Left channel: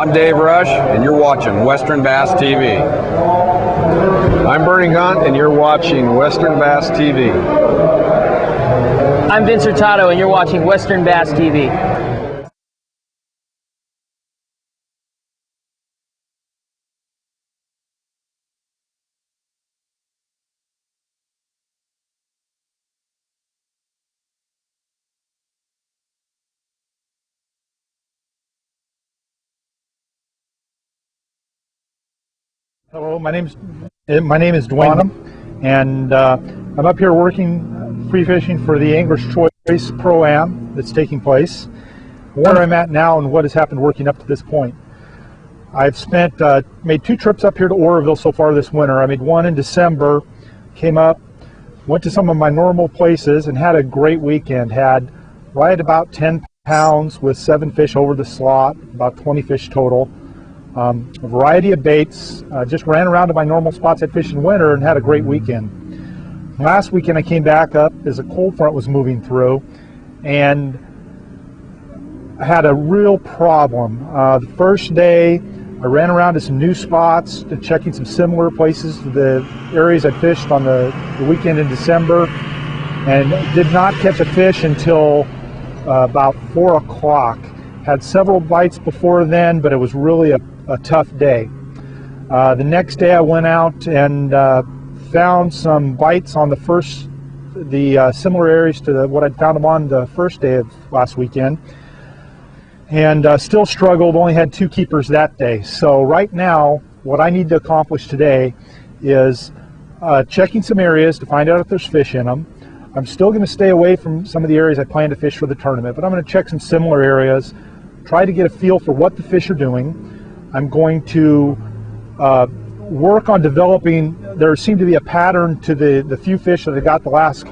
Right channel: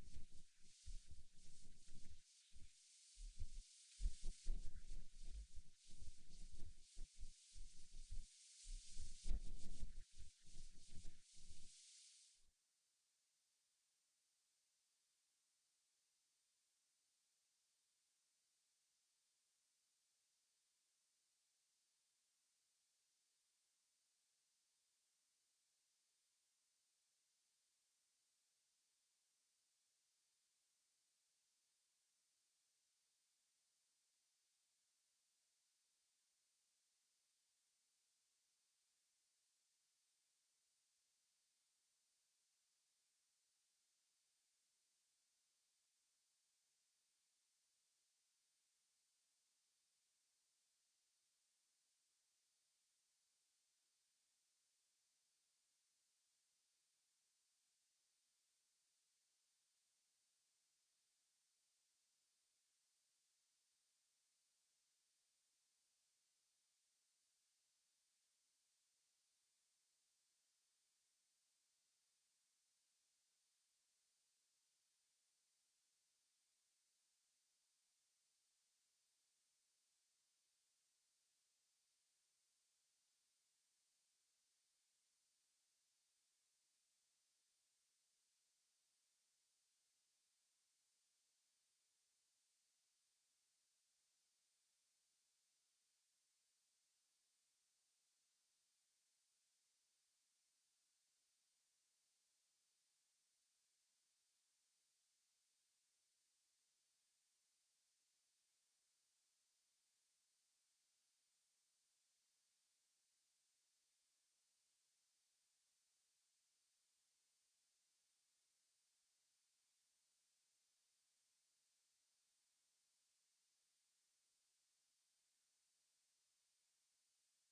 I'm Dave Rush, and you're watching Western Bass TV. I'm Bernie Gaunt, and you're watching Western Bass TV. I'm Vince Hurtado, and you're watching Western Bass TV. Hello, my name is Dewayne Bonham, and I'm up here working free fishing for the Angler's Choice Pro-Am that's taking place. Where I'm at now and what has happened working up to this point. I've made 2 trips up here to Oroville so far this winter. I made one in December, came up, went to some of my normal places and had a great weekend. Had right about 10 pounds with 7 fish over the slot, about 20 fish total. A variety of baits, just ran around to my normal spots I'd fish in winter and had a great weekend. Last weekend I came back up as a cold front was moving through and I had a real problem. The first day I ran around to some new spots, checking some similar places to the areas I fished on the weekend in December, and did not catch a fish until about 4 o'clock. Had several bites before then, but it was really a tough day. The next day I went out and found some bites on the similar areas to what I'd found them on the first day of last weekend, and still struggled, only had 2 keepers that day. So right now what I need to accomplish today is checking some areas to find out if there's fish in them. I'm still going to stay away from some of the areas I plan to fish for the tournament, but I'm going to check some similar areas, try to get a feel for what the fish are doing. I'm going to work on developing, there seemed to be a pattern to the few fish that I got the last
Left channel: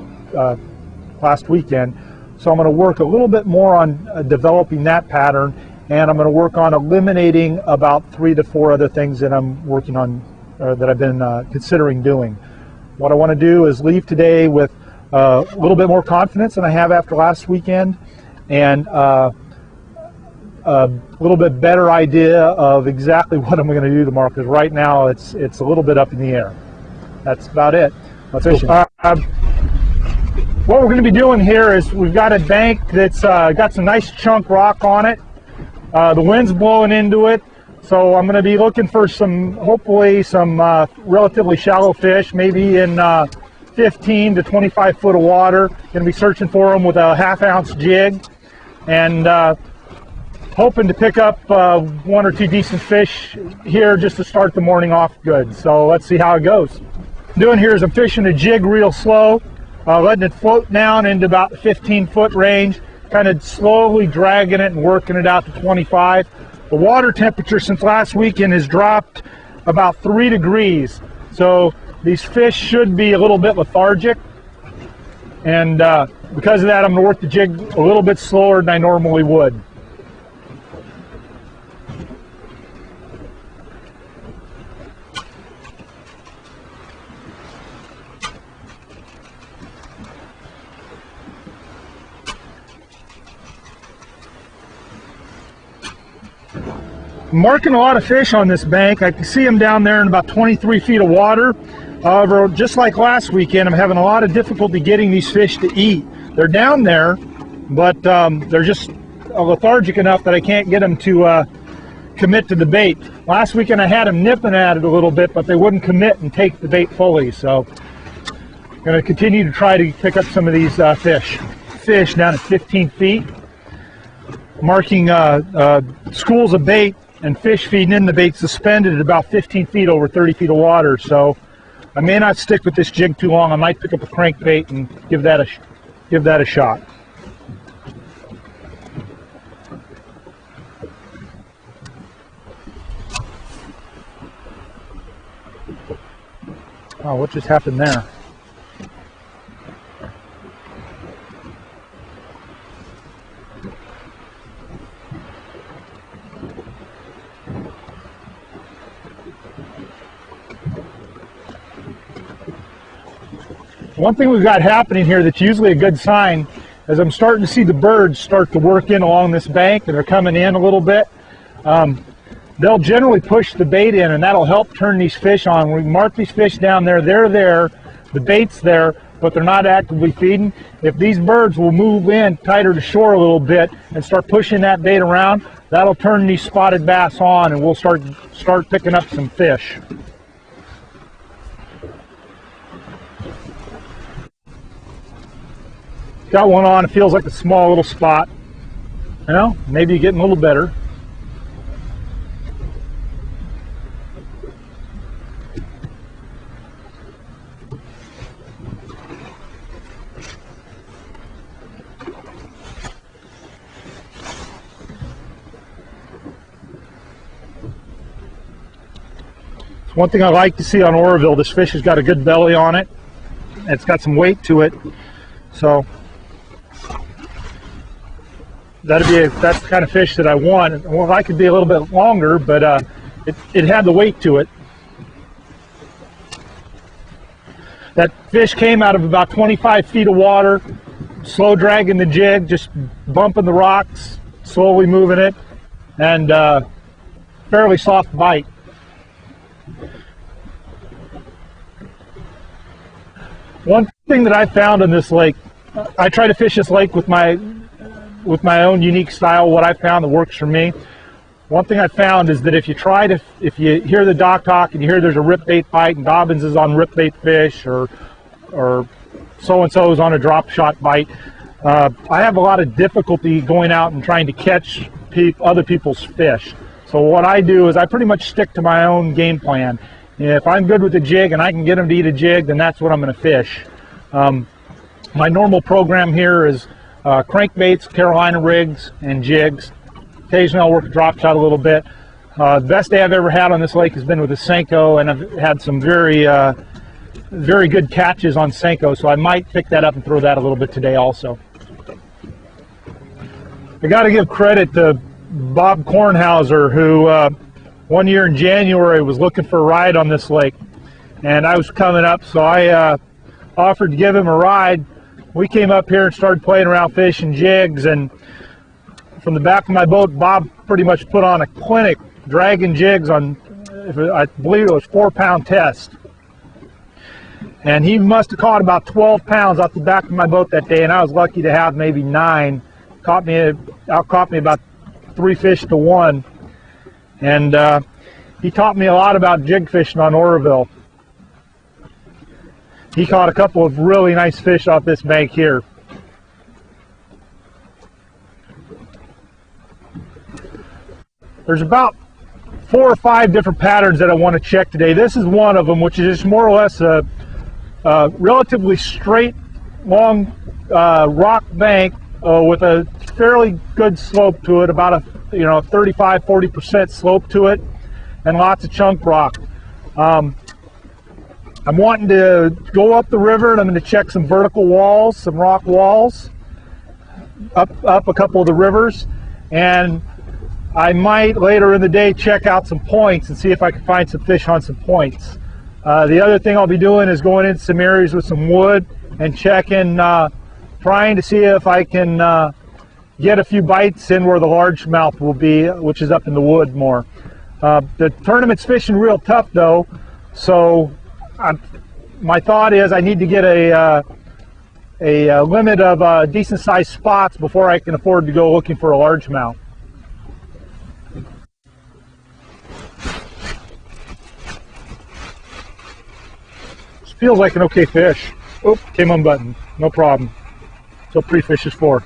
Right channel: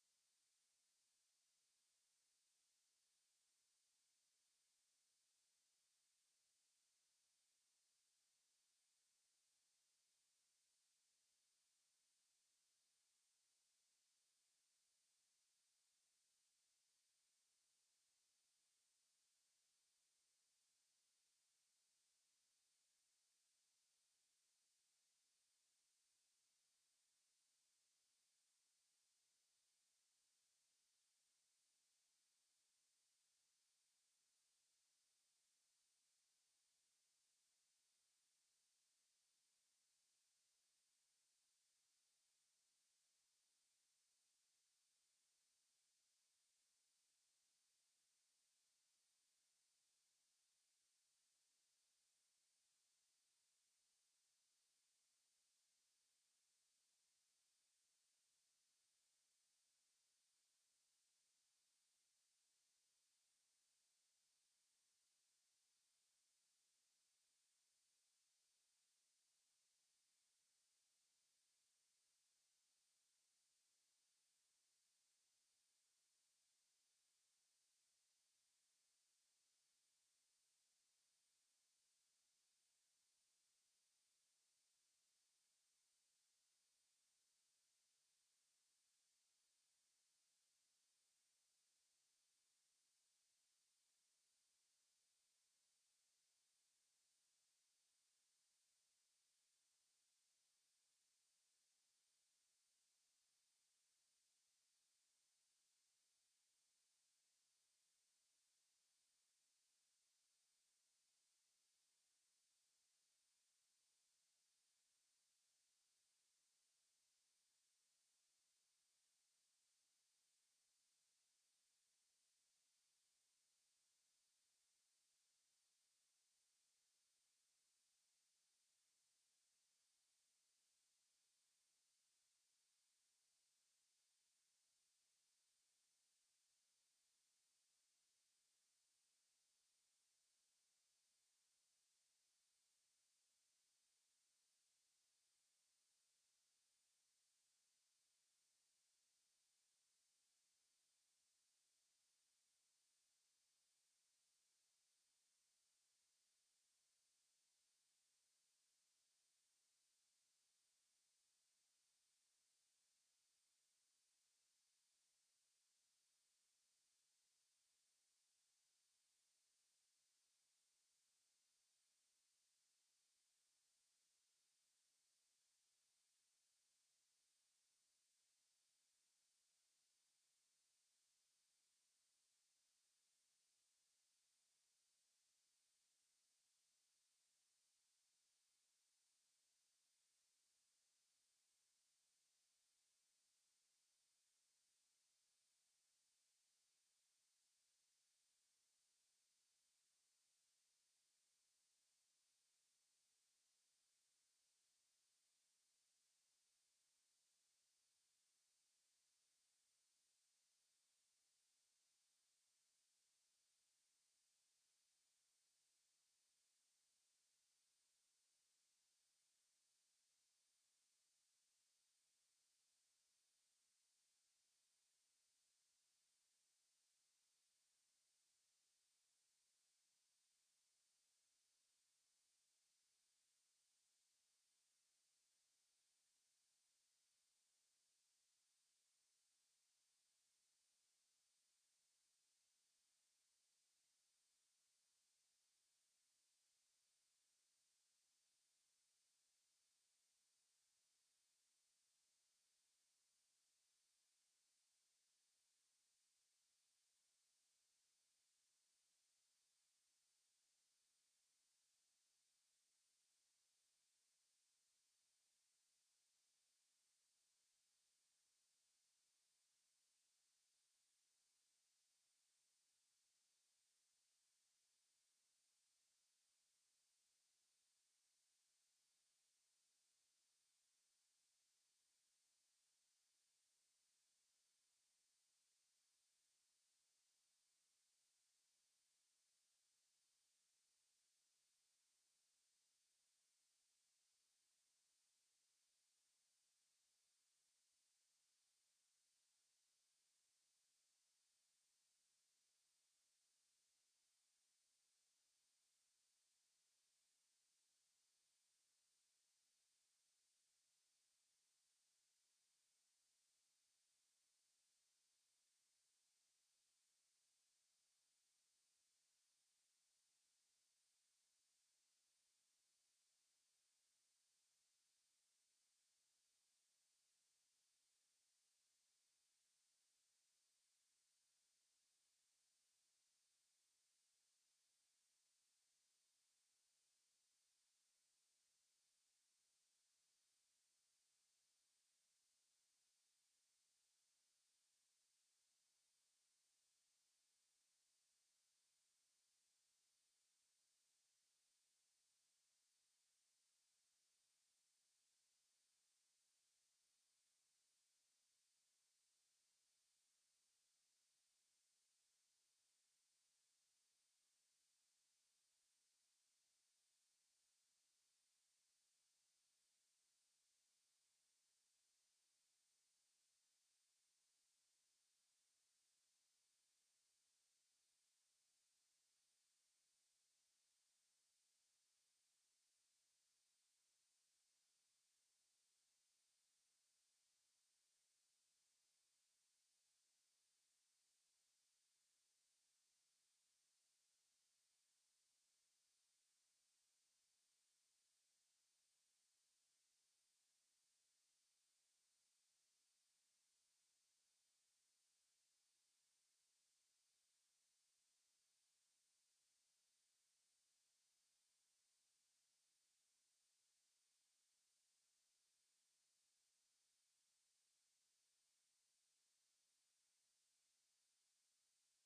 weekend, so I'm going to work a little bit more on developing that pattern, and I'm going to work on eliminating about 3 to 4 other things that I'm working on, that I've been considering doing. What I want to do is leave today with a little bit more confidence than I have after last weekend, and a little bit better idea of exactly what I'm going to do tomorrow, because right now it's a little bit up in the air. That's about it. Let's fish. What we're going to be doing here is we've got a bank that's got some nice chunk rock on it. The wind's blowing into it, so I'm going to be looking for hopefully some relatively shallow fish, maybe in 15 to 25 foot of water. Going to be searching for them with a 1/2 ounce jig, and hoping to pick up 1 or 2 decent fish here just to start the morning off good. So let's see how it goes. What I'm doing here is I'm fishing a jig real slow, letting it float down into about the 15-foot range, kind of slowly dragging it and working it out to 25. The water temperature since last weekend has dropped about 3 degrees, so these fish should be a little bit lethargic, and because of that I'm going to work the jig a little bit slower than I normally would. I'm marking a lot of fish on this bank. I can see them down there in about 23 feet of water. However, just like last weekend, I'm having a lot of difficulty getting these fish to eat. They're down there, but they're just lethargic enough that I can't get them to commit to the bait. Last weekend I had them nipping at it a little bit, but they wouldn't commit and take the bait fully. So I'm going to continue to try to pick up some of these fish down at 15 feet. Marking schools of bait and fish feeding in the bait suspended at about 15 feet over 30 feet of water. So I may not stick with this jig too long. I might pick up a crankbait and give that a shot. Oh, what just happened there? One thing we've got happening here that's usually a good sign is I'm starting to see the birds start to work in along this bank, and they're coming in a little bit. they'll generally push the bait in, and that'll help turn these fish on. We mark these fish down there, they're there, the bait's there, but they're not actively feeding. If these birds will move in tighter to shore a little bit and start pushing that bait around, that'll turn these spotted bass on, and we'll start picking up some fish. Got one on, it feels like a small little spot. You know, maybe you're getting a little better. One thing I like to see on Oroville, this fish has got a good belly on it. It's got some weight to it. So that's the kind of fish that I want. Well, I could be a little bit longer, but it had the weight to it. That fish came out of about 25 feet of water, slow dragging the jig, just bumping the rocks, slowly moving it, and fairly soft bite. One thing that I found in this lake, I try to fish this lake with my own unique style, what I found that works for me. One thing I found is that if you hear the dock talk and you hear there's a rip bait bite and Dobbins is on rip bait fish or so-and-so is on a drop shot bite, I have a lot of difficulty going out and trying to catch other people's fish. So what I do is I pretty much stick to my own game plan. If I'm good with the jig and I can get them to eat a jig, then that's what I'm going to fish. My normal program here is crankbaits, Carolina rigs, and jigs. Occasionally I'll work a drop shot a little bit. The best day I've ever had on this lake has been with a Senko, and I've had some very good catches on Senko, so I might pick that up and throw that a little bit today also. I got to give credit to Bob Kornhauser, who one year in January was looking for a ride on this lake, and I was coming up, so I offered to give him a ride. We came up here and started playing around fishing jigs, and from the back of my boat, Bob pretty much put on a clinic dragging jigs on, I believe it was 4-pound test. And he must have caught about 12 pounds off the back of my boat that day, and I was lucky to have maybe 9. Outcaught me about 3 fish to 1. And he taught me a lot about jig fishing on Oroville. He caught a couple of really nice fish off this bank here. There's about 4 or 5 different patterns that I want to check today. This is one of them, which is just more or less a relatively straight, long rock bank with a fairly good slope to it, about a 35–40% slope to it, and lots of chunk rock. I'm wanting to go up the river, and I'm going to check some vertical walls, some rock walls, up a couple of the rivers, and I might later in the day check out some points and see if I can find some fish on some points. The other thing I'll be doing is going into some areas with some wood and checking, trying to see if I can get a few bites in where the largemouth will be, which is up in the wood more. The tournament's fishing real tough though, so my thought is I need to get a limit of decent sized spots before I can afford to go looking for a largemouth. This feels like an okay fish. Oh, came unbuttoned, no problem. That's what pre-fish is for.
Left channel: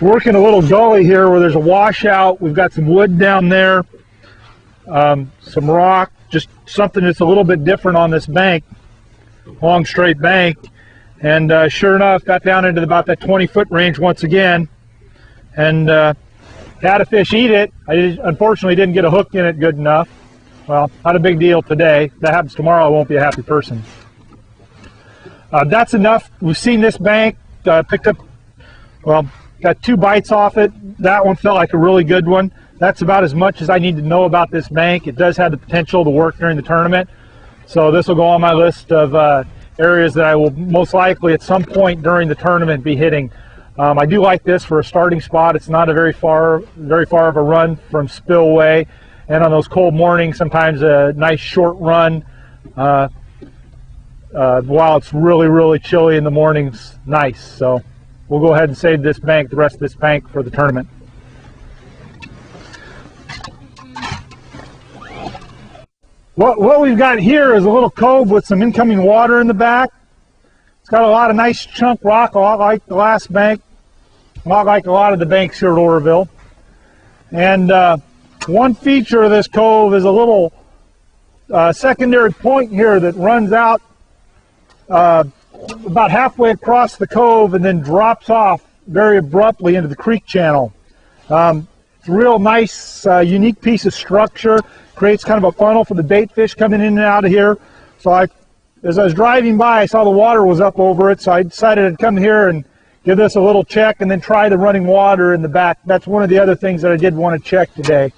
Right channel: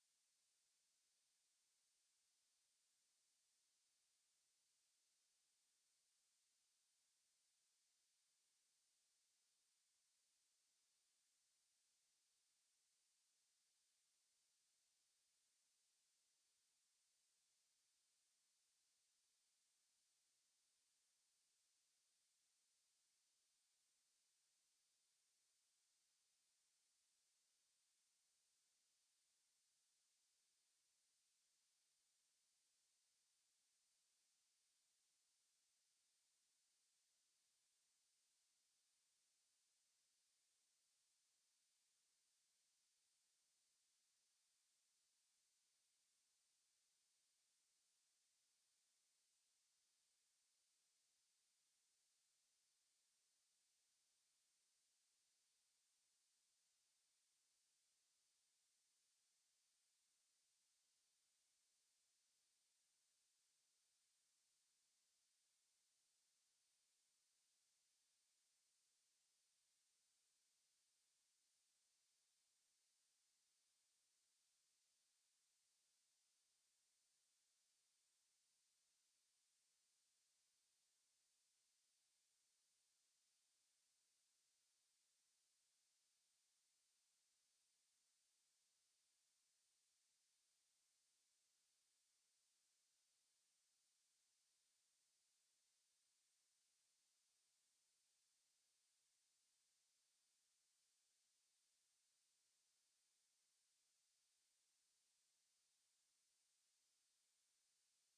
Working a little gully here where there's a washout. We've got some wood down there, some rock, just something that's a little bit different on this bank, long straight bank. And sure enough, got down into about that 20-foot range once again, and had a fish eat it. I unfortunately didn't get a hook in it good enough. Well, not a big deal today. If that happens tomorrow, I won't be a happy person. That's enough. We've seen this bank, picked up, well, got 2 bites off it. That one felt like a really good one. That's about as much as I need to know about this bank. It does have the potential to work during the tournament. So this will go on my list of areas that I will most likely at some point during the tournament be hitting. I do like this for a starting spot. It's not a very far of a run from spillway, and on those cold mornings, sometimes a nice short run while it's really chilly in the mornings, nice. So we'll go ahead and save this bank, the rest of this bank, for the tournament. What we've got here is a little cove with some incoming water in the back. It's got a lot of nice chunk rock, a lot like the last bank, a lot like a lot of the banks here at Oroville. And one feature of this cove is a little secondary point here that runs out about halfway across the cove and then drops off very abruptly into the creek channel. It's a real nice, unique piece of structure. Creates kind of a funnel for the bait fish coming in and out of here. So as I was driving by, I saw the water was up over it, so I decided I'd come here and give this a little check and then try the running water in the back. That's one of the other things that I did want to check today.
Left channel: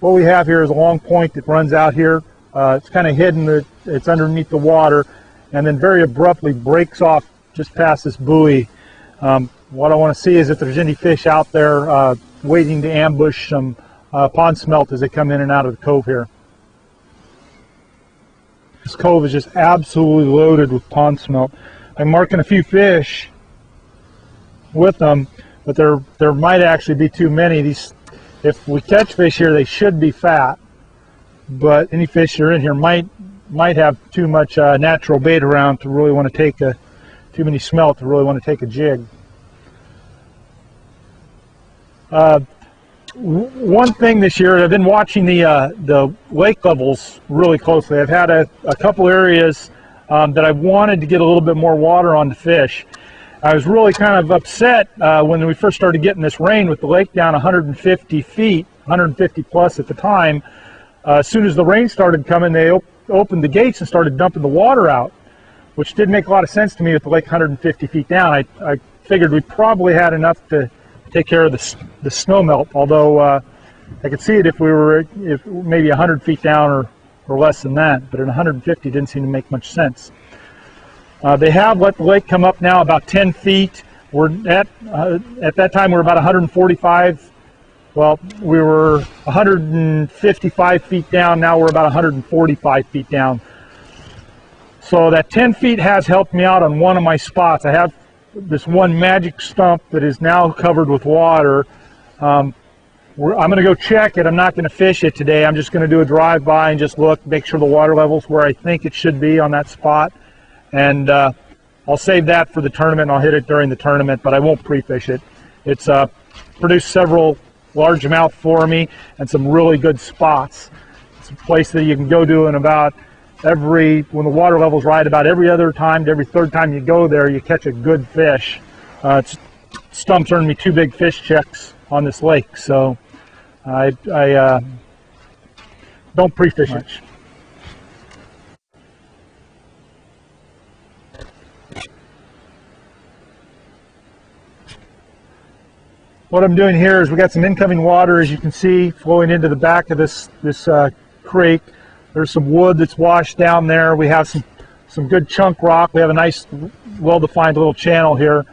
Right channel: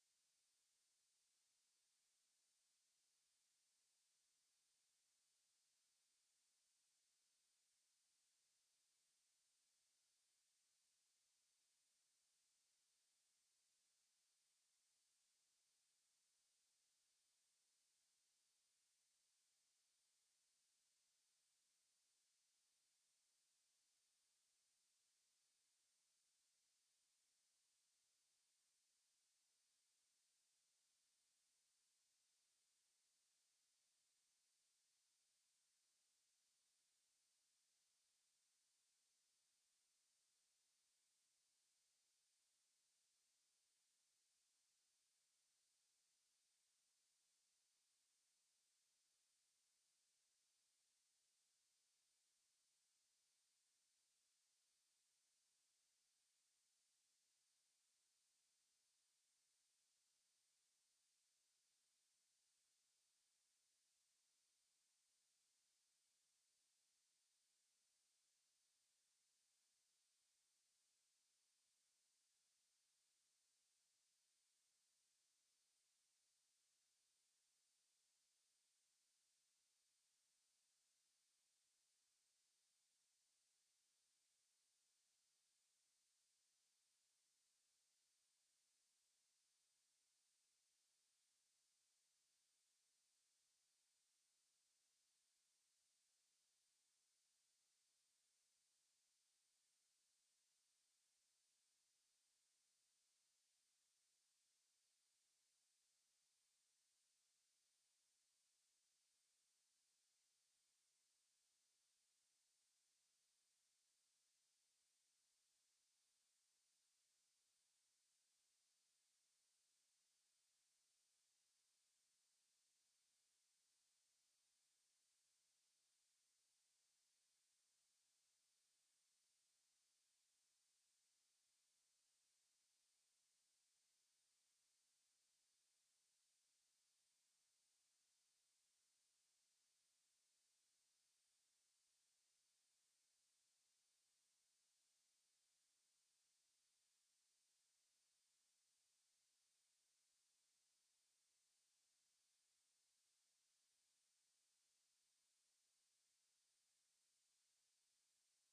What we have here is a long point that runs out here. It's kind of hidden, it's underneath the water, and then very abruptly breaks off just past this buoy. What I want to see is if there's any fish out there waiting to ambush some pond smelt as they come in and out of the cove here. This cove is just absolutely loaded with pond smelt. I'm marking a few fish with them, but there might actually be too many. These, if we catch fish here, they should be fat, but any fish that are in here might have too much natural bait around to really want to take too many smelt to really want to take a jig. One thing this year, I've been watching the lake levels really closely. I've had a couple areas that I wanted to get a little bit more water on the fish. I was really kind of upset when we first started getting this rain with the lake down 150 feet, 150 plus at the time. As soon as the rain started coming, they opened the gates and started dumping the water out, which didn't make a lot of sense to me with the lake 150 feet down. I figured we probably had enough to take care of the snow melt, although I could see it if we were maybe 100 feet down or less than that, but at 150 didn't seem to make much sense. They have let the lake come up now about 10 feet. We're at that time we were about 145. Well, we were 155 feet down. Now we're about 145 feet down. So that 10 feet has helped me out on one of my spots. I have this one magic stump that is now covered with water. I'm going to go check it. I'm not going to fish it today. I'm just going to do a drive-by and just look, make sure the water level's where I think it should be on that spot. And I'll save that for the tournament. I'll hit it during the tournament, but I won't pre-fish it. It's produced several largemouth for me and some really good spots. It's a place that you can go to in about when the water level's right, about every other time to every third time you go there, you catch a good fish. Stump's earned me 2 big fish checks on this lake, so I don't pre-fish it. What I'm doing here is we got some incoming water, as you can see, flowing into the back of this creek. There's some wood that's washed down there. We have some good chunk rock. We have a nice, well-defined little channel here.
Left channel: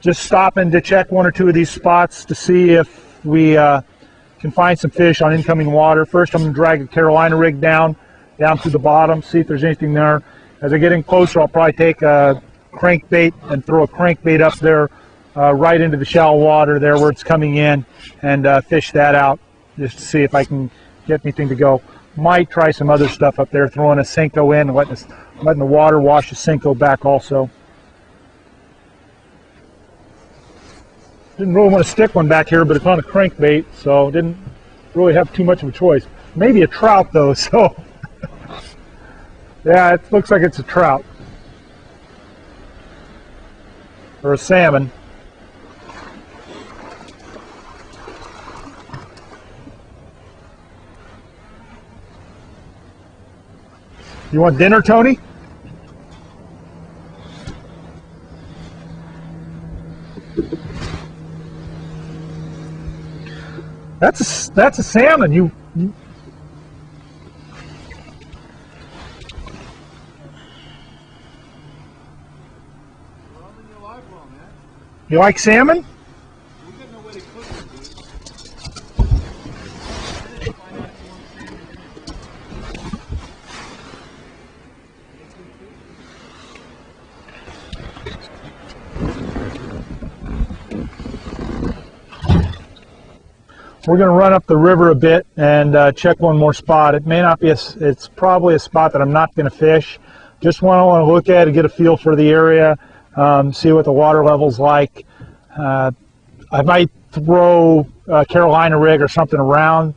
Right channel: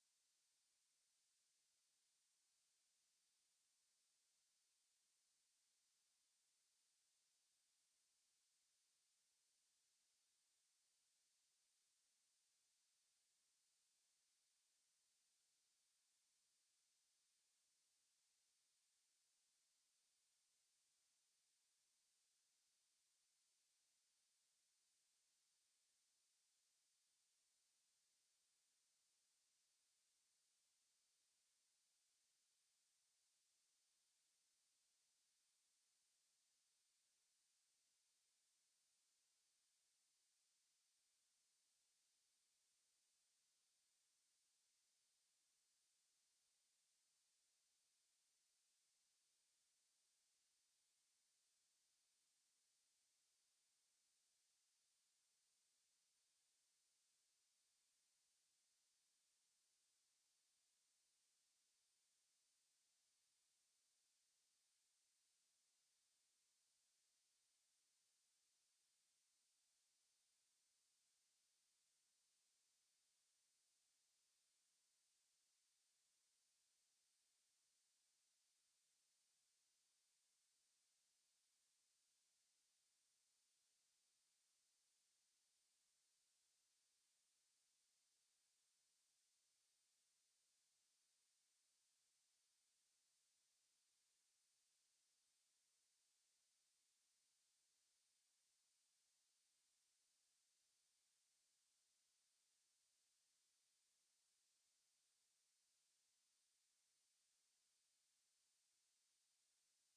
Just stopping to check 1 or 2 of these spots to see if we can find some fish on incoming water. First, I'm going to drag a Carolina rig down through the bottom, see if there's anything there. As I get in closer, I'll probably take a crankbait and throw a crankbait up there right into the shallow water there where it's coming in and fish that out just to see if I can get anything to go. Might try some other stuff up there, throwing a Senko in and letting the water wash the Senko back also. Didn't really want to stick one back here, but it's on a crankbait, so didn't really have too much of a choice. Maybe a trout though, so yeah, it looks like it's a trout or a salmon. You want dinner, Tony? That's a salmon. You You like salmon? We're going to run up the river a bit and check one more spot. It may not be it's probably a spot that I'm not going to fish. Just want to look at it, get a feel for the area, see what the water level's like. I might throw a Carolina rig or something around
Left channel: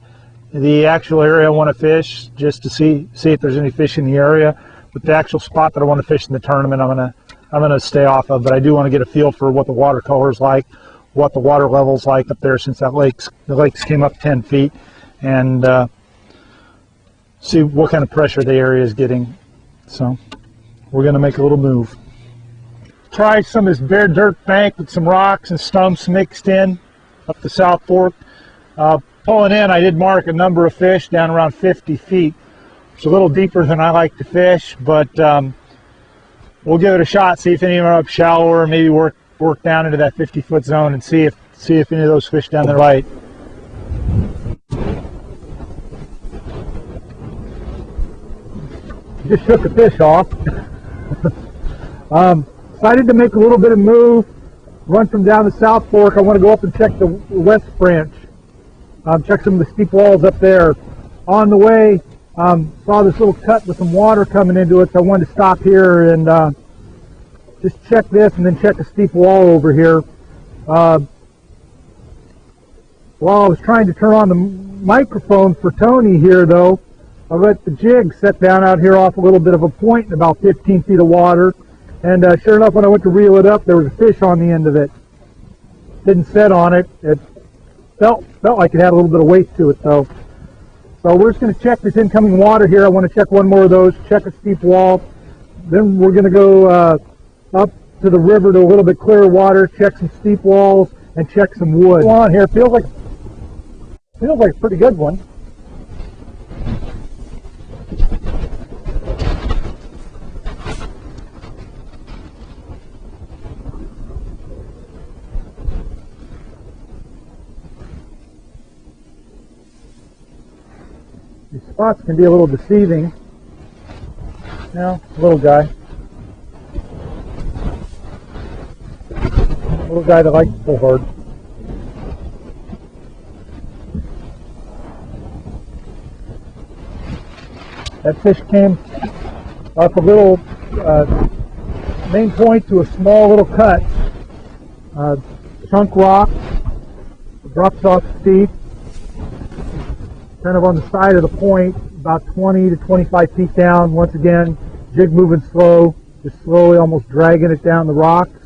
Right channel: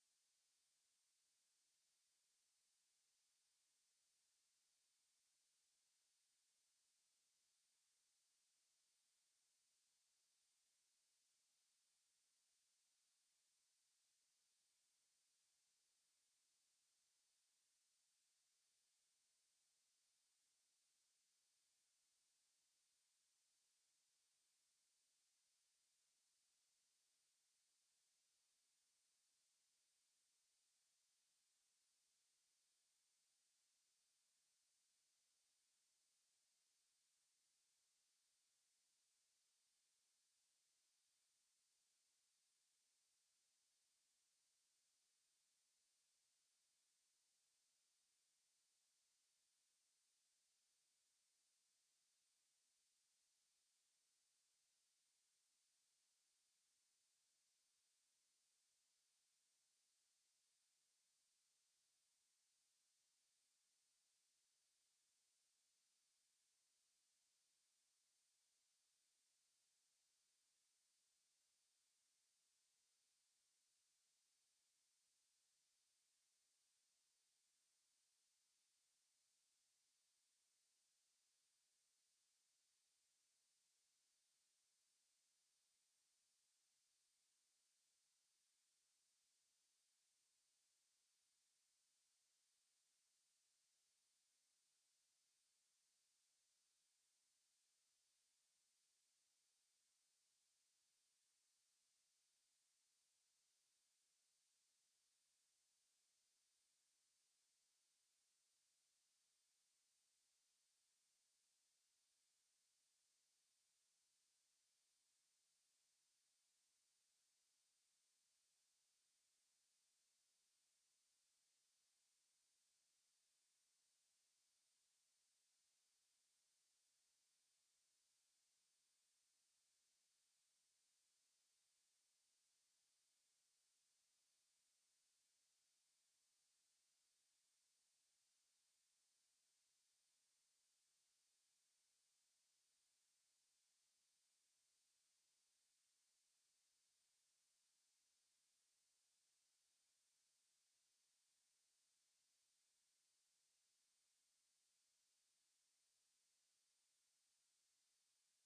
the actual area I want to fish just to see if there's any fish in the area. But the actual spot that I want to fish in the tournament, I'm gonna stay off of. But I do want to get a feel for what the water color's like, what the water level's like up there, since the lakes came up 10 feet, and see what kind of pressure the area is getting. So we're going to make a little move. Try some of this bare dirt bank with some rocks and stumps mixed in up the South Fork. Pulling in, I did mark a number of fish down around 50 feet. It's a little deeper than I like to fish, but we'll give it a shot, see if any of them are up shallower, maybe work down into that 50-foot zone and see if any of those fish down there bite. Just shook a fish off. Decided to make a little bit of move, run from down the South Fork. I want to go up and check the West Branch, check some of the steep walls up there. On the way, saw this little cut with some water coming into it, so I wanted to stop here and just check this and then check a steep wall over here. While I was trying to turn on the microphone for Tony here, though, I let the jig set down out here off a little bit of a point in about 15 feet of water. And sure enough, when I went to reel it up, there was a fish on the end of it. Didn't set on it. It felt like it had a little bit of weight to it, though. So we're just going to check this incoming water here. I want to check one more of those, check a steep wall. Then we're going to go up to the river to a little bit clearer water, check some steep walls, and check some wood. On here, feels like a pretty good one. These spots can be a little deceiving. Now, little guy. Little guy that likes to pull hard. That fish came off a little main point to a small little cut. Chunk rock, drops off steep, kind of on the side of the point, about 20 to 25 feet down. Once again, jig moving slow, just slowly almost dragging it down the rocks.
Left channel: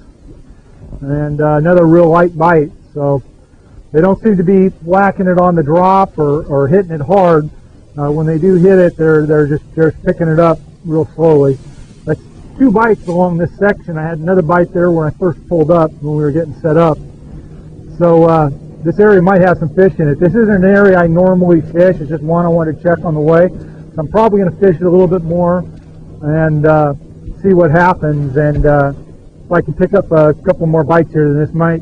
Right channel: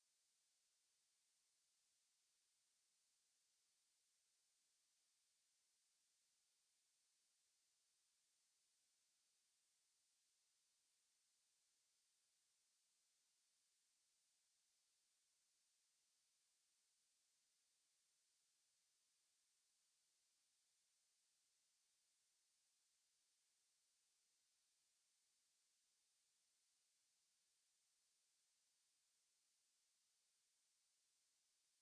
And another real light bite. So they don't seem to be whacking it on the drop or hitting it hard. When they do hit it, they're just picking it up real slowly. That's 2 bites along this section. I had another bite there when I first pulled up when we were getting set up. So this area might have some fish in it. This isn't an area I normally fish. It's just one I want to check on the way. So I'm probably going to fish it a little bit more and see what happens. And if I can pick up a couple more bites here, then this might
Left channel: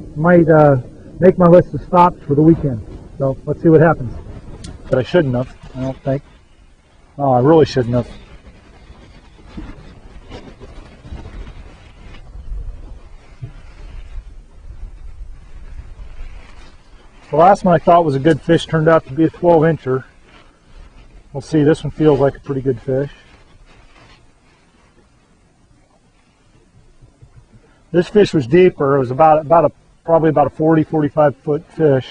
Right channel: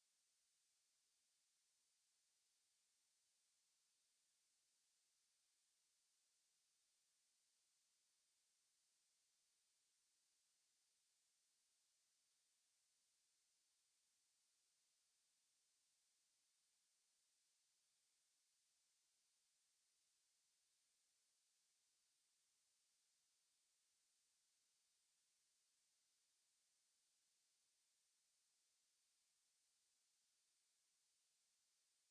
make my list of stops for the weekend. So let's see what happens. But I shouldn't have, I don't think. Oh, I really shouldn't have. The last one I thought was a good fish turned out to be a 12-incher. We'll see, this one feels like a pretty good fish. This fish was deeper. It was probably about a 40, 45 foot fish.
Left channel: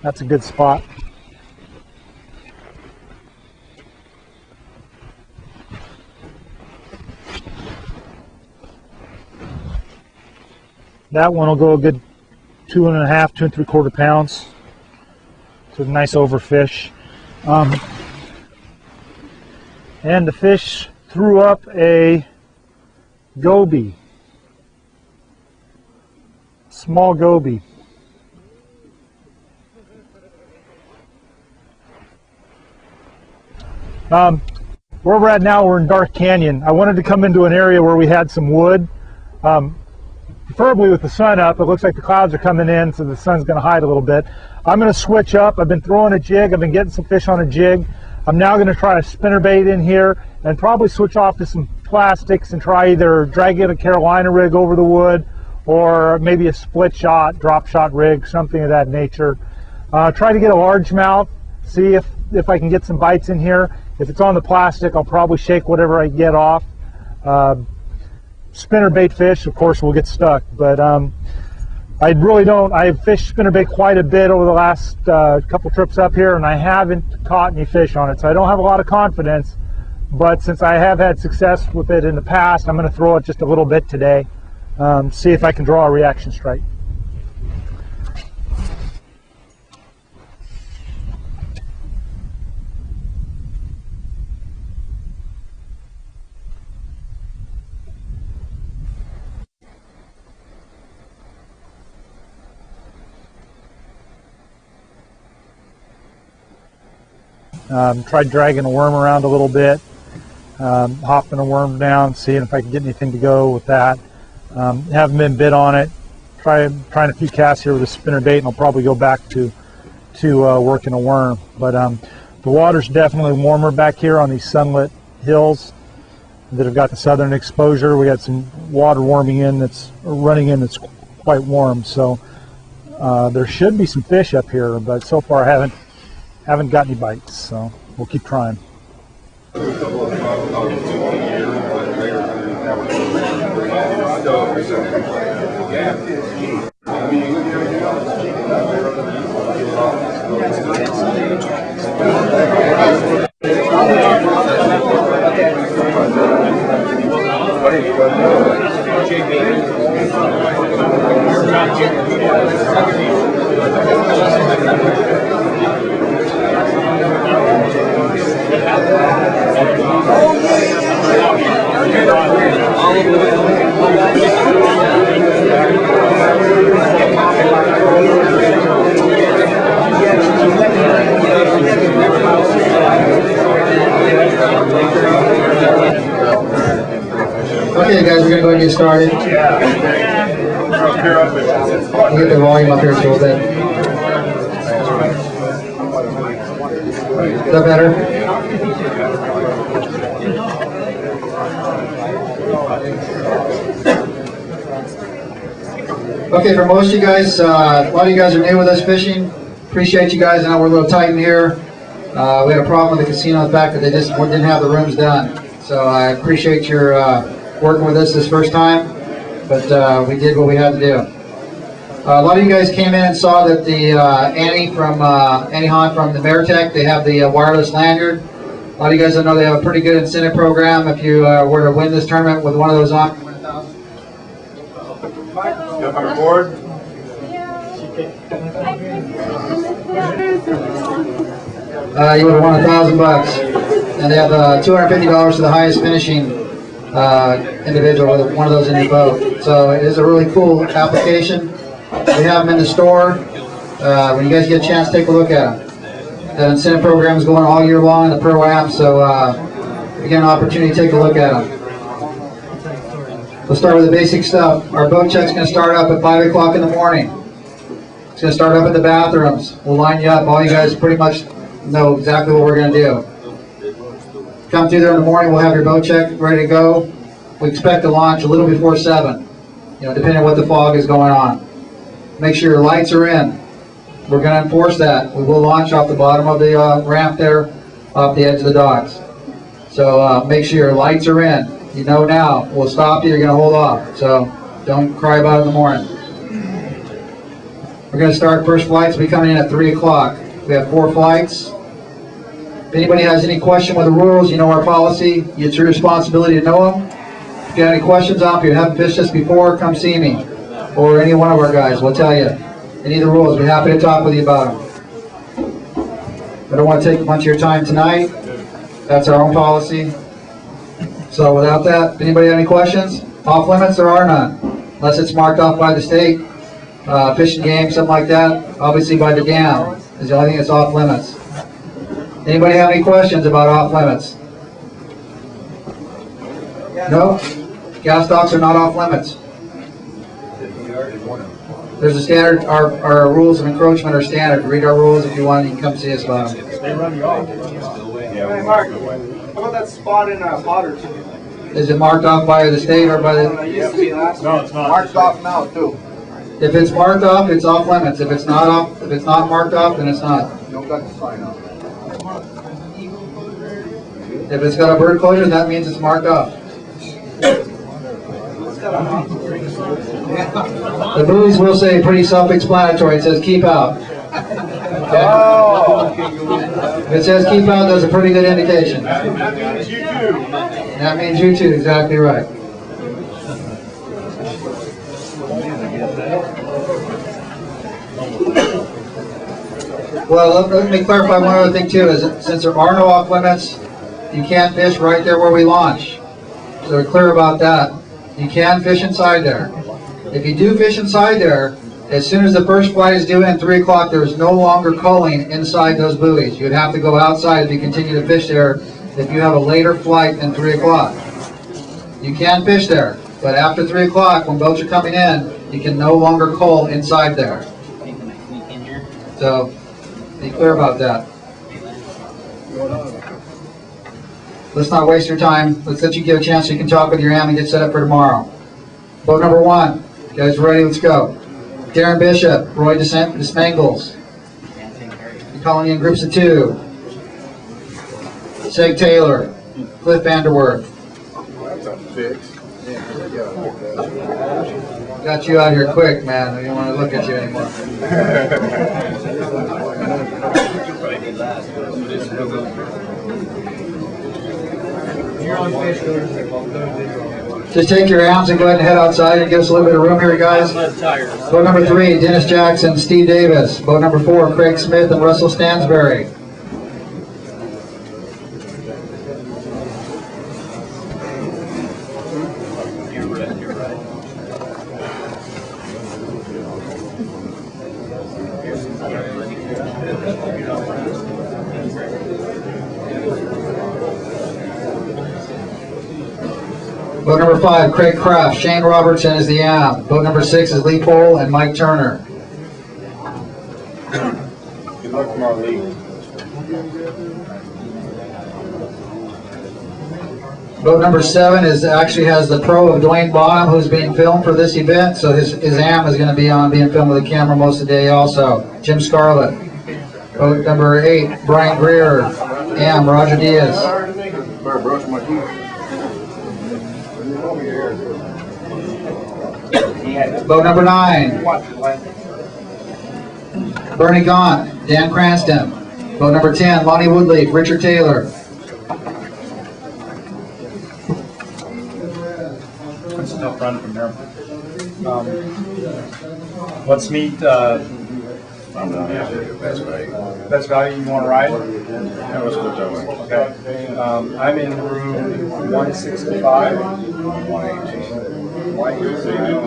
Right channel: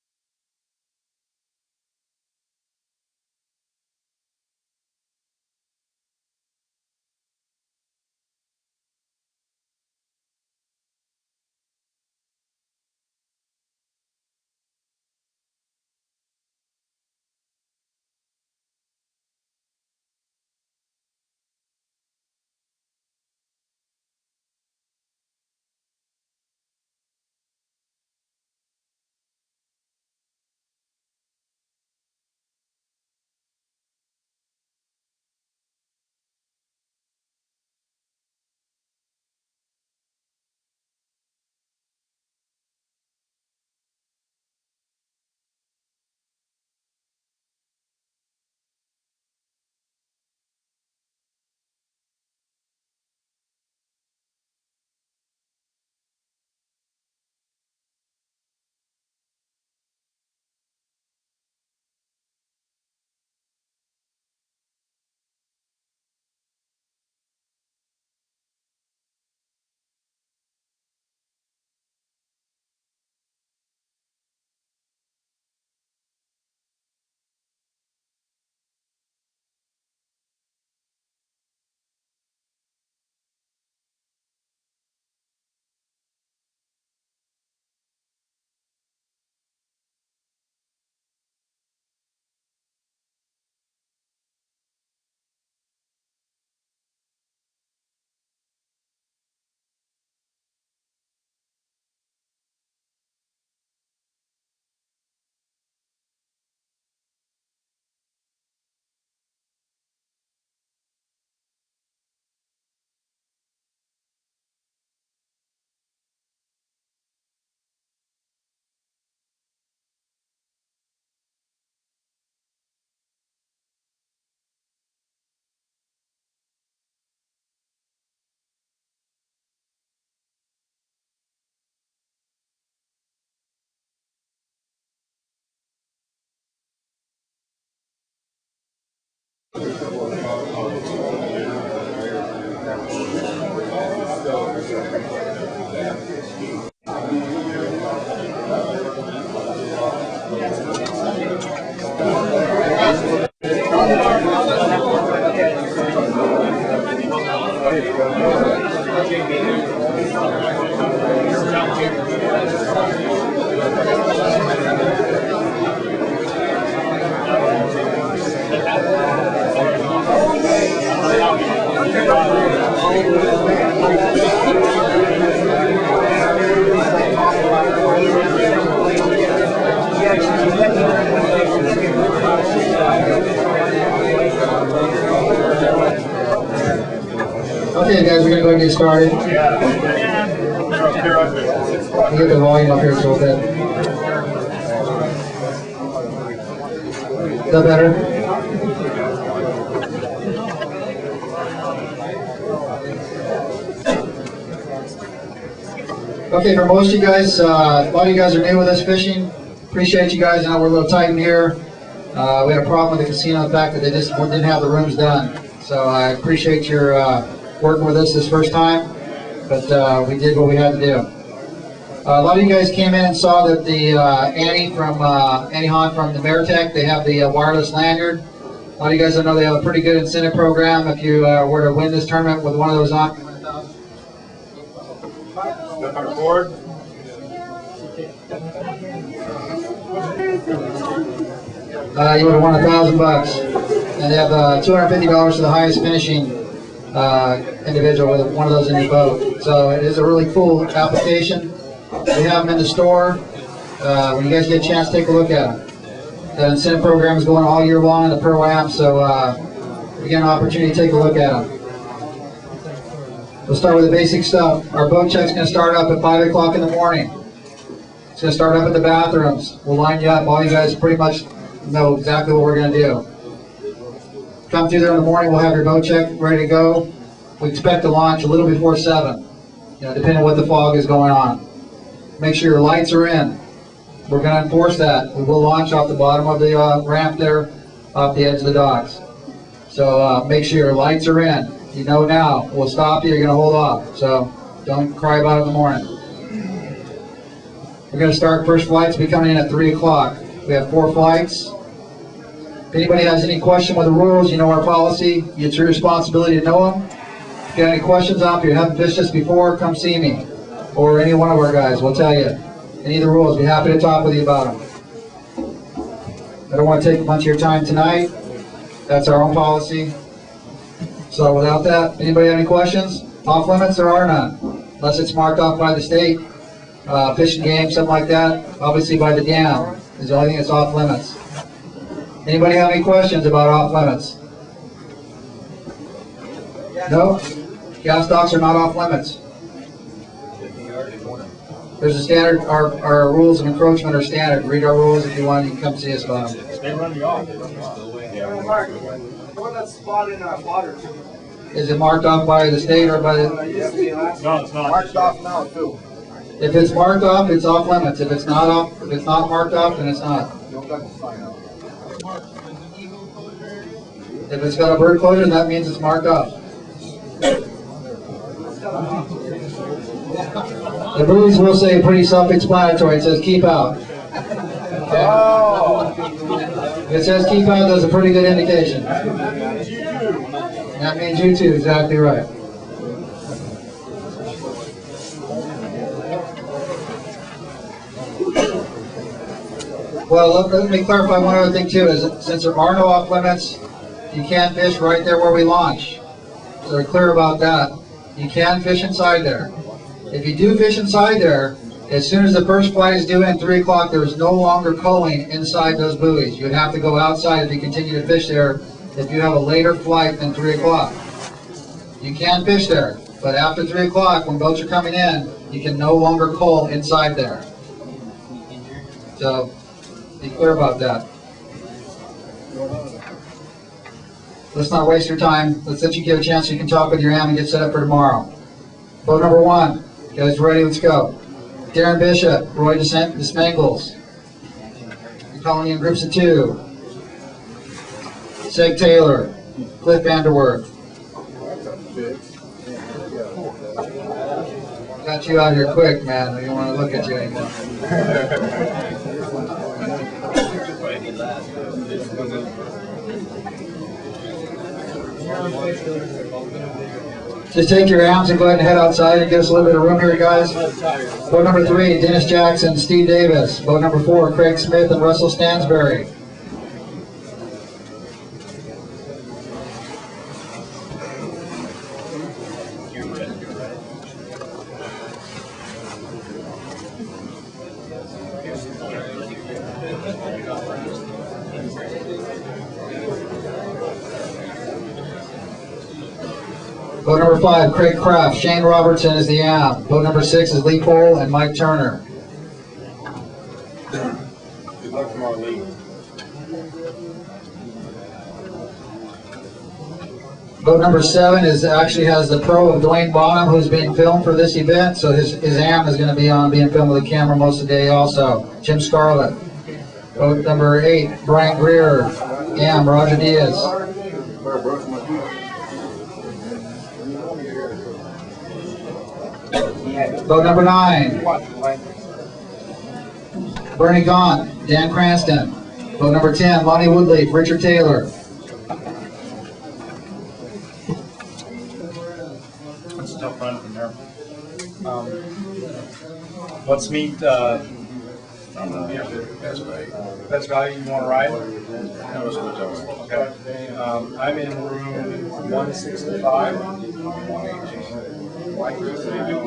That's a good spot. That one will go a good 2.5, 2 3/4 pounds. It's a nice overfish. And the fish threw up a goby. small goby. Where we're at now, we're in Dark Canyon. I wanted to come into an area where we had some wood, preferably with the sun up. It looks like the clouds are coming in, so the sun's going to hide a little bit. I'm going to switch up. I've been throwing a jig. I've been getting some fish on a jig. I'm now going to try a spinnerbait in here and probably switch off to some plastics and try either dragging a Carolina rig over the wood or maybe a split shot, drop shot rig, something of that nature. Try to get a largemouth, see if I can get some bites in here. If it's on the plastic, I'll probably shake whatever I get off. Spinnerbait fish, of course, will get stuck, but I really don't. I've fished spinnerbait quite a bit over the last couple trips up here, and I haven't caught any fish on it, so I don't have a lot of confidence. But since I have had success with it in the past, I'm going to throw it just a little bit today, see if I can draw a reaction strike. Tried dragging a worm around a little bit, hopping a worm down, seeing if I can get anything to go with that. Haven't been bit on it. Trying a few casts here with a spinnerbait, and I'll probably go back to working a worm. But the water's definitely warmer back here on these sunlit hills that have got the southern exposure. We got some water running in that's quite warm. So there should be some fish up here, but so far I haven't got any bites, so we'll keep trying. Okay, guys, we're going to go ahead and get started. We'll get the volume up here a little bit. Is that better? Okay, for most of you guys, a lot of you guys are new with us fishing. Appreciate you guys. I know we're a little tight in here. We had a problem with the casino, the fact that they just didn't have the rooms done. So I appreciate your working with us this first time, but we did what we had to do. A lot of you guys came in and saw that the Annie Hahn from the Maritech, they have the wireless lanyard. A lot of you guys know they have a pretty good incentive program. If you were to win this tournament with one of those on, you win $1,000. Jump on board. You would have won $1,000, and they have $250 to the highest finishing individual with one of those in your boat. So it is a really cool application. We have them in the store. When you guys get a chance, take a look at them. The incentive program is going all year long in the Pro-Am, so you get an opportunity to take a look at them. We'll start with the basic stuff. Our boat check's going to start up at 5 o'clock in the morning. It's going to start up at the bathrooms. We'll line you up. All you guys pretty much know exactly what we're going to do. Come through there in the morning, we'll have your boat check ready to go. We expect to launch a little before 7, depending on what the fog is going on. Make sure your lights are in. We're going to enforce that. We will launch off the bottom of the ramp there, off the edge of the docks. So make sure your lights are in. You know now, we'll stop you, you're going to hold off. So don't cry about it in the morning. We're going to start first flights, will be coming in at 3 o'clock. We have 4 flights. If anybody has any question with the rules, you know our policy. It's your responsibility to know them. If you have any questions on, if you haven't fished this before, come see me. Or any one of our guys will tell you any of the rules. We're happy to talk with you about them. I don't want to take much of your time tonight. That's our own policy. So without that, anybody have any questions? Off limits, there are none. Unless it's marked off by the state. fishing game, something like that, obviously by the dam is the only thing that's off limits. Anybody have any questions about off limits? No? Gas docks are not off limits. There's a standard, our rules of encroachment are standard. Read our rules if you want, you can come see us about them. They run you off. Yeah, Mark, how about that spot in Potter? Is it marked off by the state or by the? No, it's not. Marked off now too. If it's marked off, it's off limits. If it's not off, if it's not marked off, then it's not. If it's got a bird closure, that means it's marked off. The buoys will say pretty self-explanatory. It says keep out. Oh. If it says keep out, that's a pretty good indication. That means you too, exactly right. Well, let me clarify one other thing too, is that since there are no off limits, you can't fish right there where we launch. So we're clear about that. You can fish inside there. If you do fish inside there, as soon as the first flight is due in 3 o'clock, there is no longer culling inside those buoys. You would have to go outside if you continue to fish there if you have a later flight than 3 o'clock. You can fish there, but after 3 o'clock, when boats are coming in, you can no longer cull inside there. So, be clear about that. Let's not waste your time. Let's let you get a chance so you can talk with your AM and get set up for tomorrow. Boat number 1. You guys ready? Let's go. Darren Bishop, Roy DeSmangles. You're calling in groups of 2. Seg Taylor, Cliff Vanderwerth. Got you out here quick, man. I don't want to look at you anymore. Just take your arms and go ahead and head outside and give us a little bit of room here, guys. Boat number 3, Dennis Jackson, Steve Davis. Boat number 4, Craig Smith and Russell Stansberry. Boat number 5, Craig Kraft. Shane Robertson is the AM. Boat number 6 is Lee Pohl and Mike Turner. Good luck tomorrow, Lee. Boat number 7 actually has the pro of Dewayne Bonham, who's being filmed for this event. So his AM is going to be on being filmed with a camera most of the day also. Jim Scarlett. Boat number 8, Brian Greer. AM, Roger Diaz. Boat number 9, Bernie Gaunt, Dan Cranston. Boat number 10, Lonnie Woodleaf, Richard Taylor. It's a tough run from there. Let's meet best value you want to ride? Yeah, let's go that way. Okay. I'm in room 165. 118. 118.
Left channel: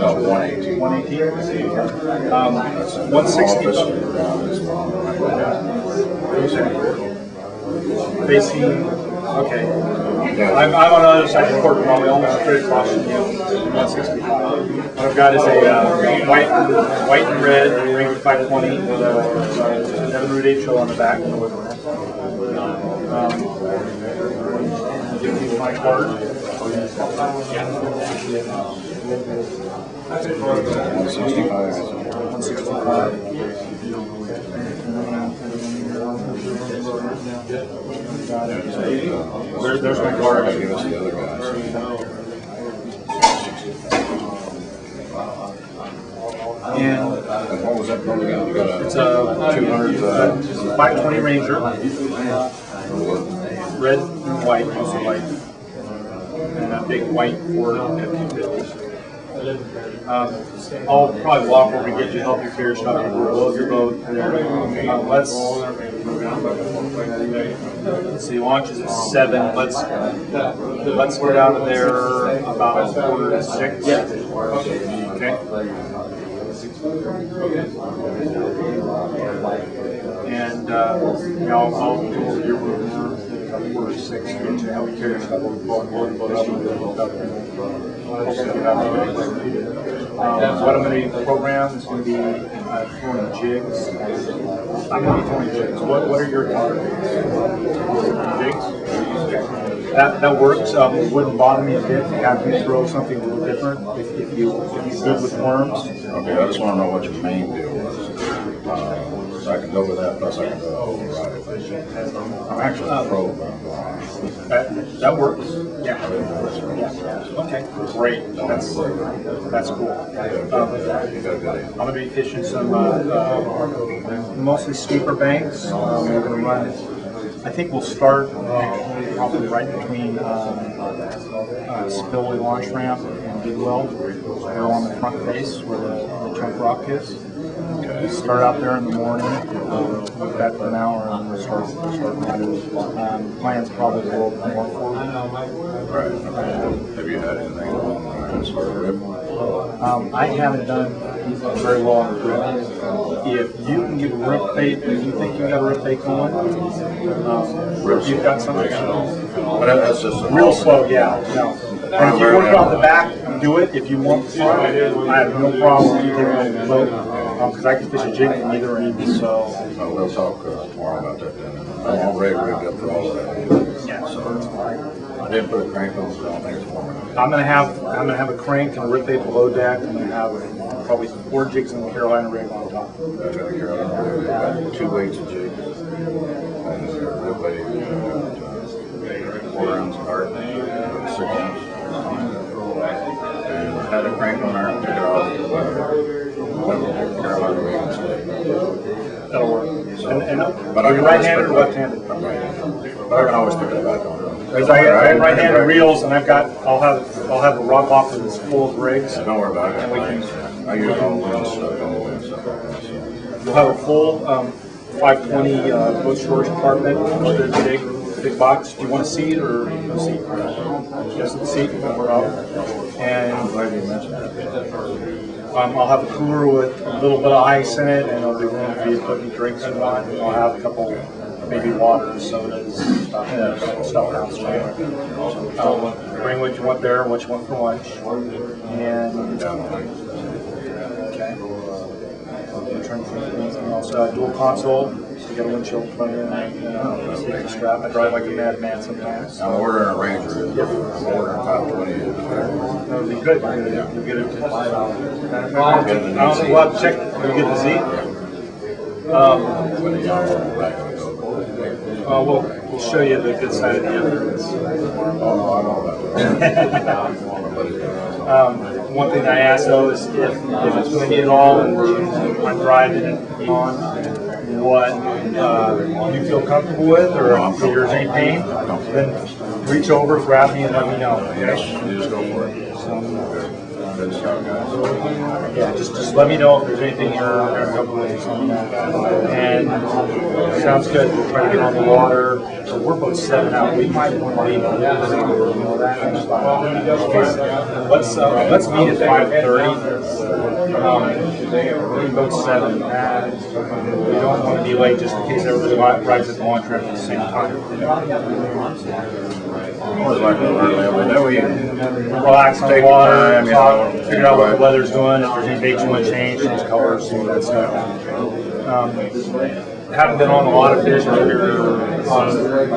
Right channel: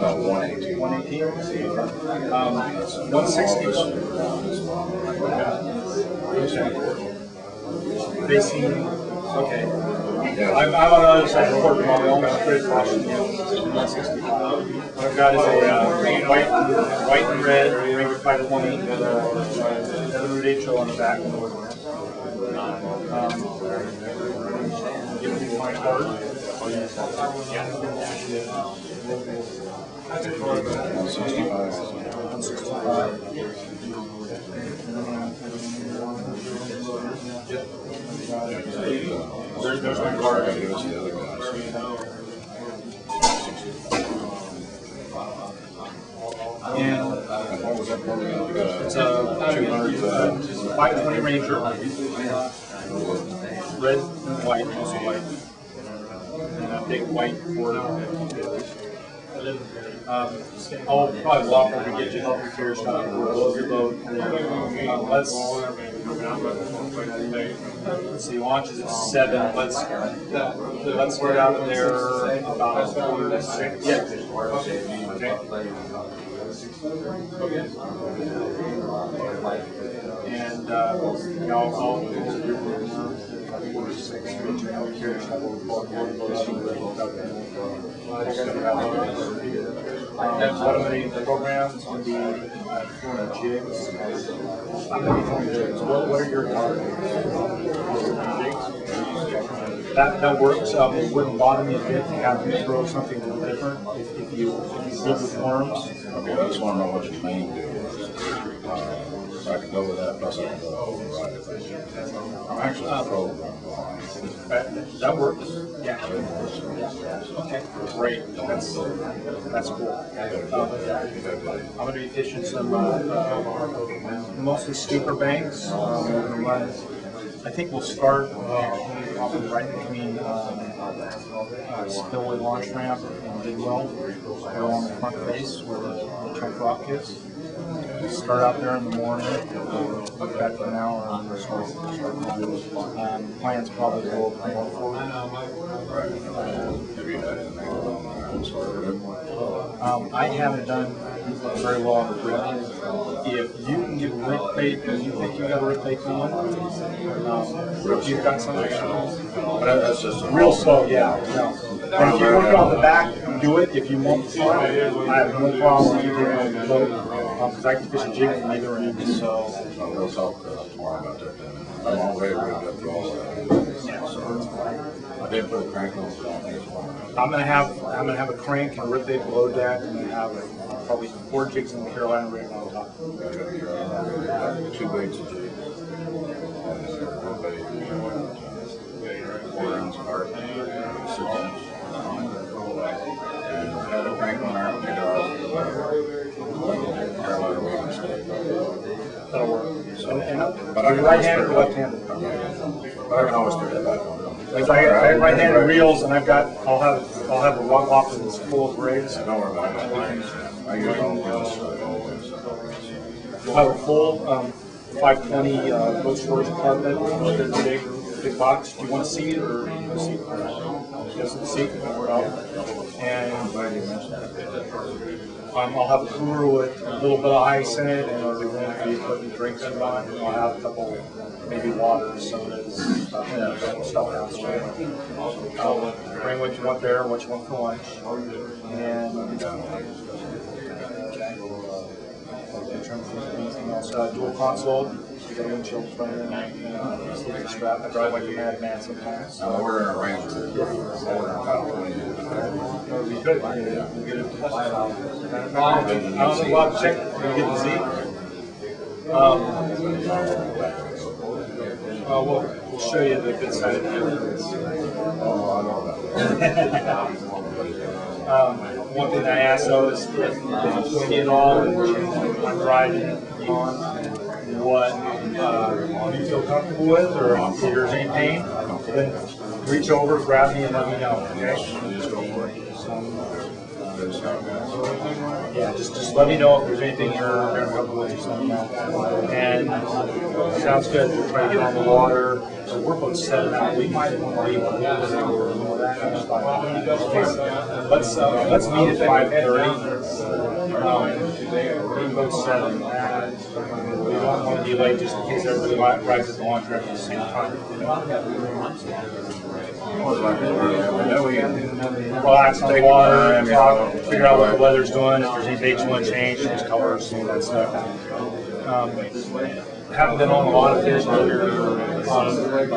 118. 160. Facing. Okay. I'm on the other side of the court, probably almost straight across from you. 165. What I've got is a white and red Ranger 520 with a 7 Route 8 show on the back. Give me my card. 165. There's my card. Give us the other guys. And what was that program? You got it's a 200 520 Ranger, red and white, mostly white, and a big white Ford F-250. I'll probably walk over and get you, help you figure stuff out, load your boat, and then let's see, launch is at 7. Let's get out of there about 5:45. Okay. And I'll go over your room. 4 or 6 to help carry stuff over the boat. What I'm going to program is going to be throwing jigs. I'm going to be throwing jigs. What are your jigs? That works. It wouldn't bother me a bit to have you throw something a little different if you're good with worms. Okay, I just want to know what your main deal was. So I can go with that, plus I can go override it. I'm actually a pro. That works. Yeah. Okay. Great. That's cool. I'm going to be fishing some mostly steeper banks. We're going to run. I think we'll start probably right between Spillway Launch Ramp and Bidwell, right on the front face where the chunk rock is. Start out there in the morning, look back for an hour, and we'll start running. Plans probably go over more forward. Right. Have you had anything as far as rip? I haven't done very well on the rip. If you can get a rip bait, if you think you got a rip bait going, if you've got something, But that's just real slow, yeah. No. And if you work off the back, do it. If you want to, I have no problem with you taking on the boat, because I can fish a jig from either end. So we'll talk tomorrow about that then. I'm already rigged up for all of that. yeah, so I didn't put a crank on, so I don't think it's warm enough. I'm gonna have a crank and a rip bait below deck. I'm gonna have probably 4 jigs in the Carolina rig on top. I got the Carolina rig, got 2 weights of jig, and rib bait, 4 ounce cart, 6 inch. And had a crank on there, took it off. Carolina rig instead. That'll work. So, And but are you right-handed or left-handed? I'm right-handed. But I can always pick it back on. Because I have right-handed reels, and I'll have a rock off that's full of rigs. Don't worry about it. I use all wins stuff. We'll have a full 520 boat storage compartment with a big box. Do you want a seat or no seat? Yes, the seat. And I'm glad you mentioned that. I'll have a cooler with a little bit of ice in it, and it'll be room for you to put any drinks you want. And I'll have a couple, maybe water, sodas, stuff downstairs. Bring what you want there, what you want for lunch, and okay. In terms of anything else, dual console. So you got a windshield in front of you, and strap. I drive like a madman sometimes. I'm ordering a Ranger. I'm ordering top 20. That would be good. You'll get it. I don't know. We'll have to check. You'll get the Z. We'll show you the good side of the evidence. One thing I asked though is if it's windy at all and I'm driving and on, what you feel comfortable with, or if there's any pain, then reach over, grab me, and let me know. Okay? You just go for it. Yeah, just let me know if there's anything you're uncomfortable with or something. And sounds good. We'll try to get on the water. So we're both 7 out. We might want to leave. Let's meet at 5:30. We're both 7. We don't want to be late just in case everybody rides at the launch ramp at the same time. Relax on the water, talk, figure out what the weather's doing, if there's any dates you want to change, change colors, some of that stuff. Haven't been on a lot of fish, but a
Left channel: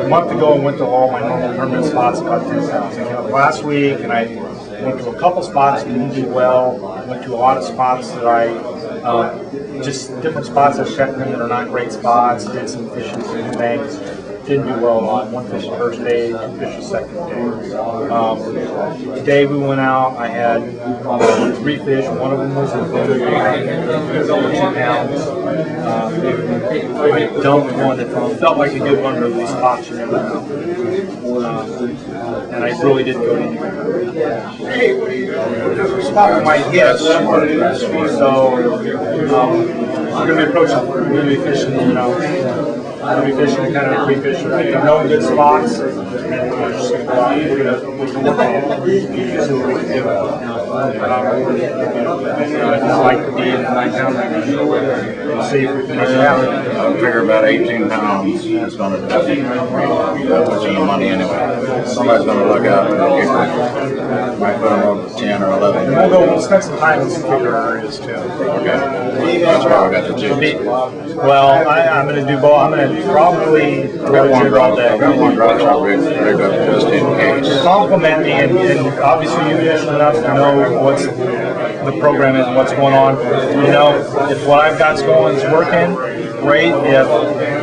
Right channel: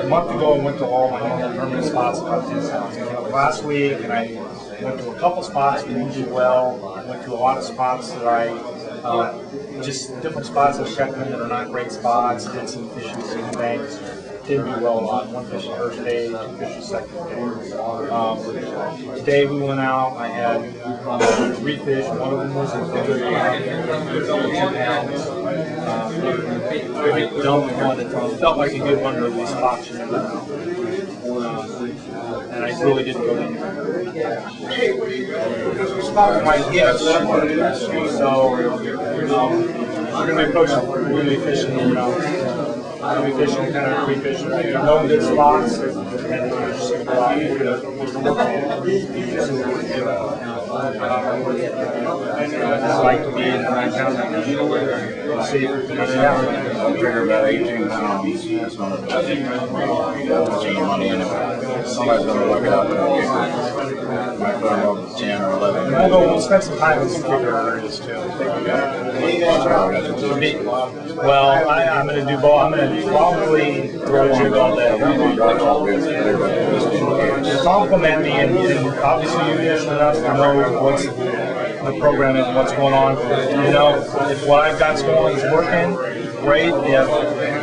month ago I went to all my normal permanent spots, about 10 pounds. Last week, and I went to a couple spots that didn't do well. I went to a lot of spots that just different spots I've checked in that are not great spots, did some fishing in the banks. Didn't do well on 1 fish the first day, 2 fish the second day. Today we went out, I had 3 fish, one of them was a good 2 pounds. I dumped one that felt like a good one, but these spots you never know. And I really didn't go anywhere. Spot might hit, so we're going to be approaching, we're going to be fishing, I'll be fishing kind of pre-fishing. I know good spots, and we're just going to go out. We're going to work on it. See what we can do. I'd like to be in the 9-pound range. See if we can make it happen. I figure about 18 pounds is going to put you money anyway. Somebody's going to look out and get hurt. Might put them over 10 or 11. We'll spend some time in some kicker areas too. That's why I got the two. Well, I'm going to do both. I'm going to probably throw jig all day. I got one dry truck rig there just in case. Compliment me, and obviously you're distant enough to know what's the program is, what's going on. You know, if what I've got's going is working, great.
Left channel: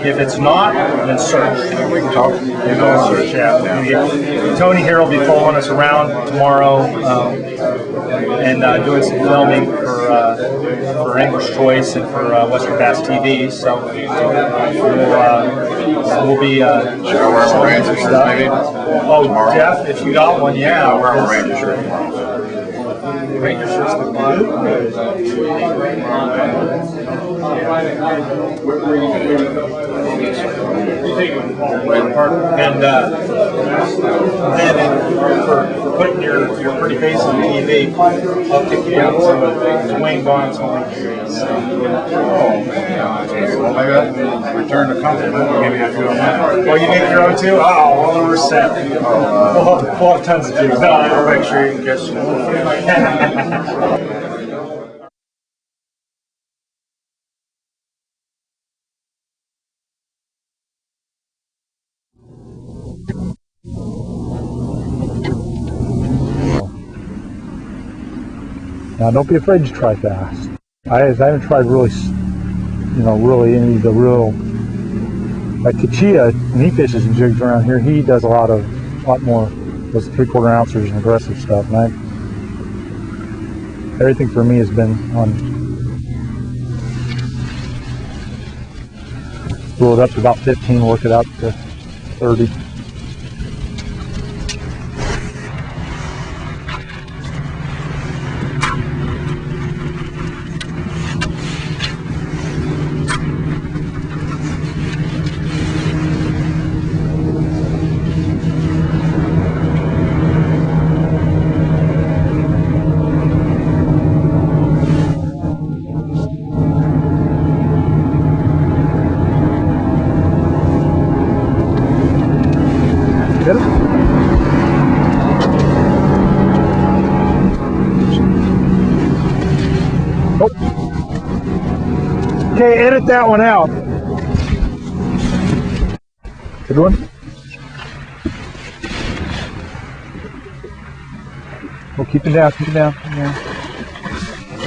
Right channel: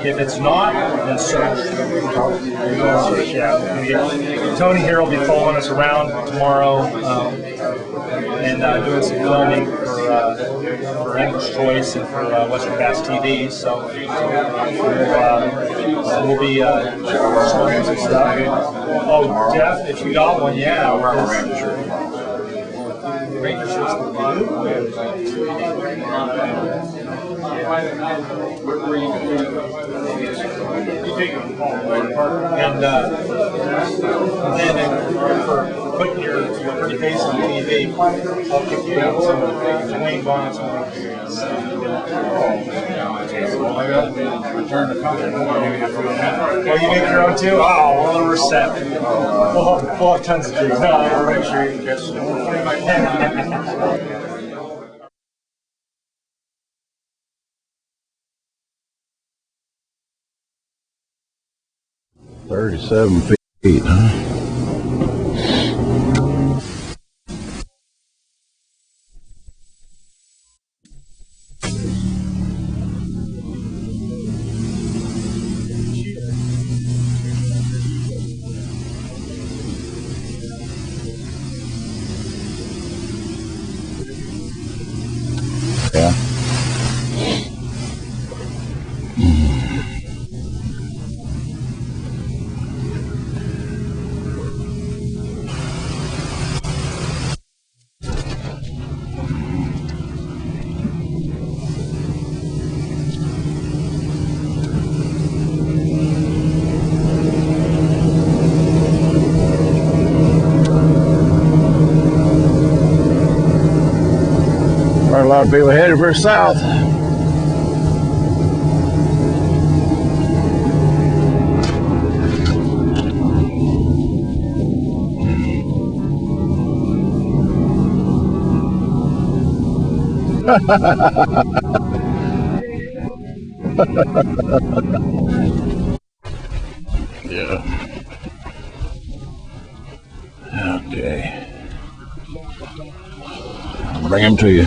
If it's not, then search. We can talk. Yeah. Tony here will be following us around tomorrow and doing some filming for English Choice and for Western Bass TV. So we'll be wear my Ranger shirt maybe? Oh, Jeff, if you got one, yeah. I'll wear my Ranger shirt tomorrow. Ranger shirts look good. And then for putting your pretty face on TV, I'll kick you out some Dewayne Bonham's home. Well, maybe I can return the compliment. Give me a few of them. Oh, you make your own too? Oh, well, we're set. We'll have tons of jigs. No, I'll make sure you can catch them. 37 feet, huh? Now, don't be afraid to try fast. I haven't tried really, really any of the real, like Kachia, when he fishes and jigs around here, he does a lot more those 3/4 ounces and aggressive stuff. And everything for me has been on, roll it up to about 15, work it out to 30. A lot of people headed for south. Get it? Okay, edit that one out. Good one? Yeah. Okay. Well, keep it down, keep it down. Yeah. Bring him to you.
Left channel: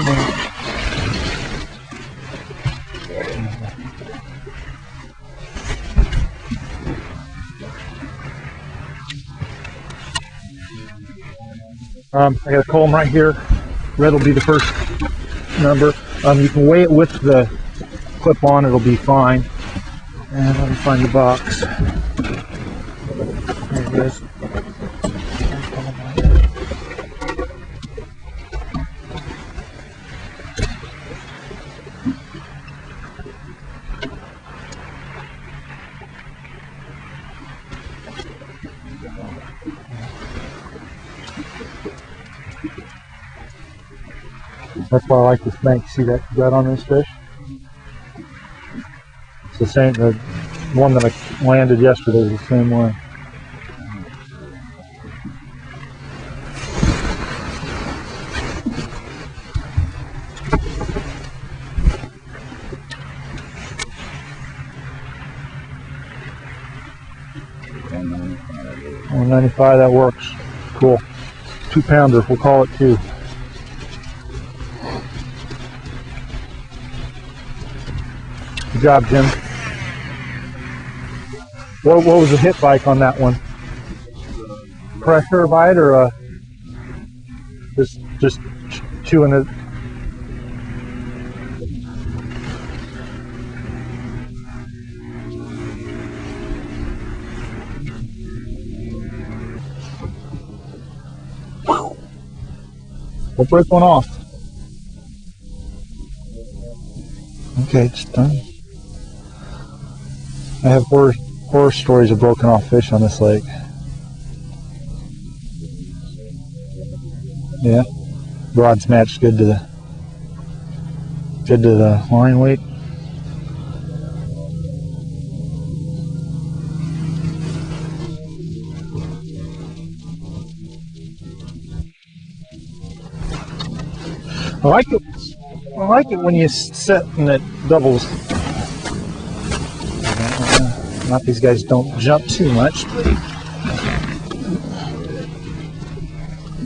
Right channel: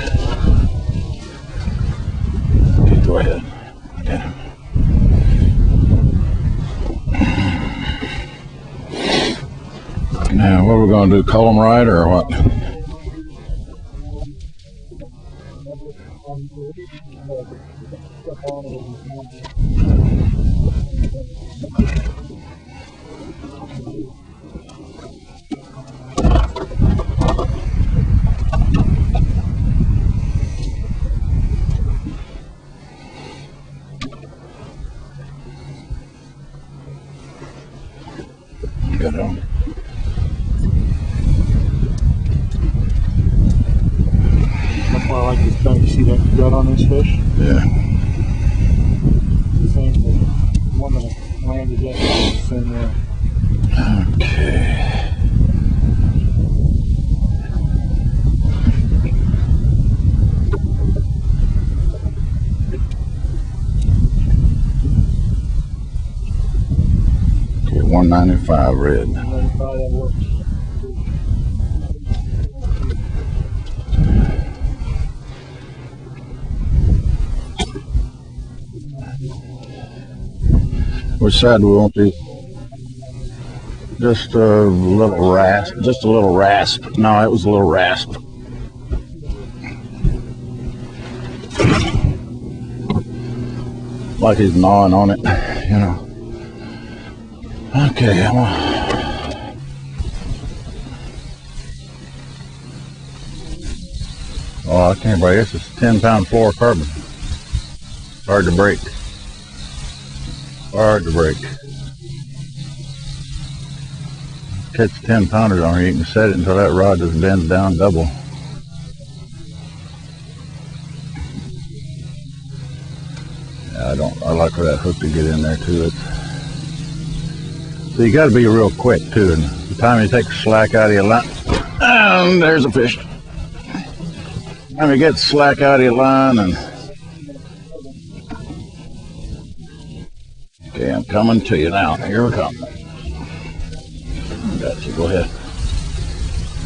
Just go ahead. Yeah. Now, what we're going to do, call them right or what? I got to call them right here. Red will be the first number. You can weigh it with the clip on, it'll be fine. And let me find the box. There it is. Good on. That's why I like this bank. You see that on this fish? Yeah. It's the same. The one that I landed yesterday is the same way. Okay. Okay, 195 red. And 95, that works. Cool. 2-pounder, we'll call it 2. Good job, Jim. Which side will What be? was the hit bike on that one? Just a little Pressure rasp. bite or Just a- a little rasp. No, it was a little rasp. Just chewing it. Like he's gnawing on it, you know. Okay, We'll break one off. oh, I can't break. This is 10-pound fluorocarbon. Okay, it's done. Hard to break. I have hard to break. four stories of broken off fish on this lake. Catch 10-pounders on here, you can set it until that rod just bends down Yeah. double. rod's matched good to the line weight. I like for that hook to get in there too. So you got to be real quick too. And the time you take the slack out of your line, and there's a fish. I like You get slack out of I your like it line. when you And, set and it doubles. okay, I'm These coming to guys you don't now. Here jump we too go. much. Gotcha, go ahead.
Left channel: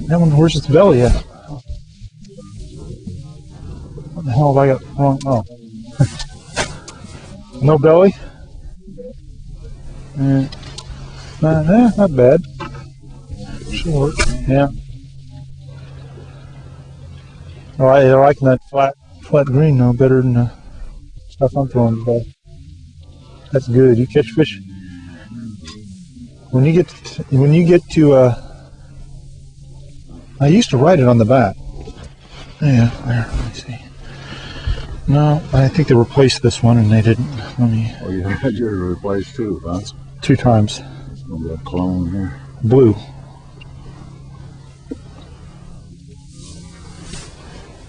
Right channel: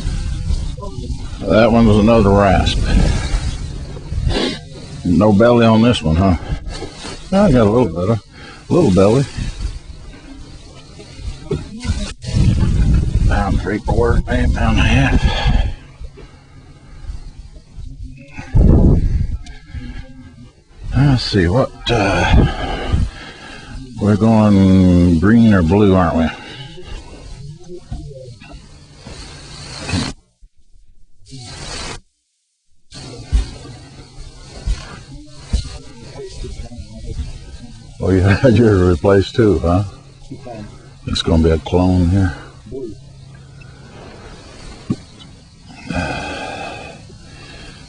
That one, where's its belly at? That one was another rasp. Oh, I got No belly on this one, huh? I got a no little belly. Little belly. Not bad. Pound 3/4, maybe Yeah. pound and a half. I like that flat green though better than Let's see That what. one that's good. You We're catch fish. going green or blue, aren't we? When you get to I used to write it on the back. Yeah, there. Let's see. No, I think they replaced this one and they didn't. Let me Well, you had yours replaced too, huh? 2 times. It's going to be a clone here. Blue.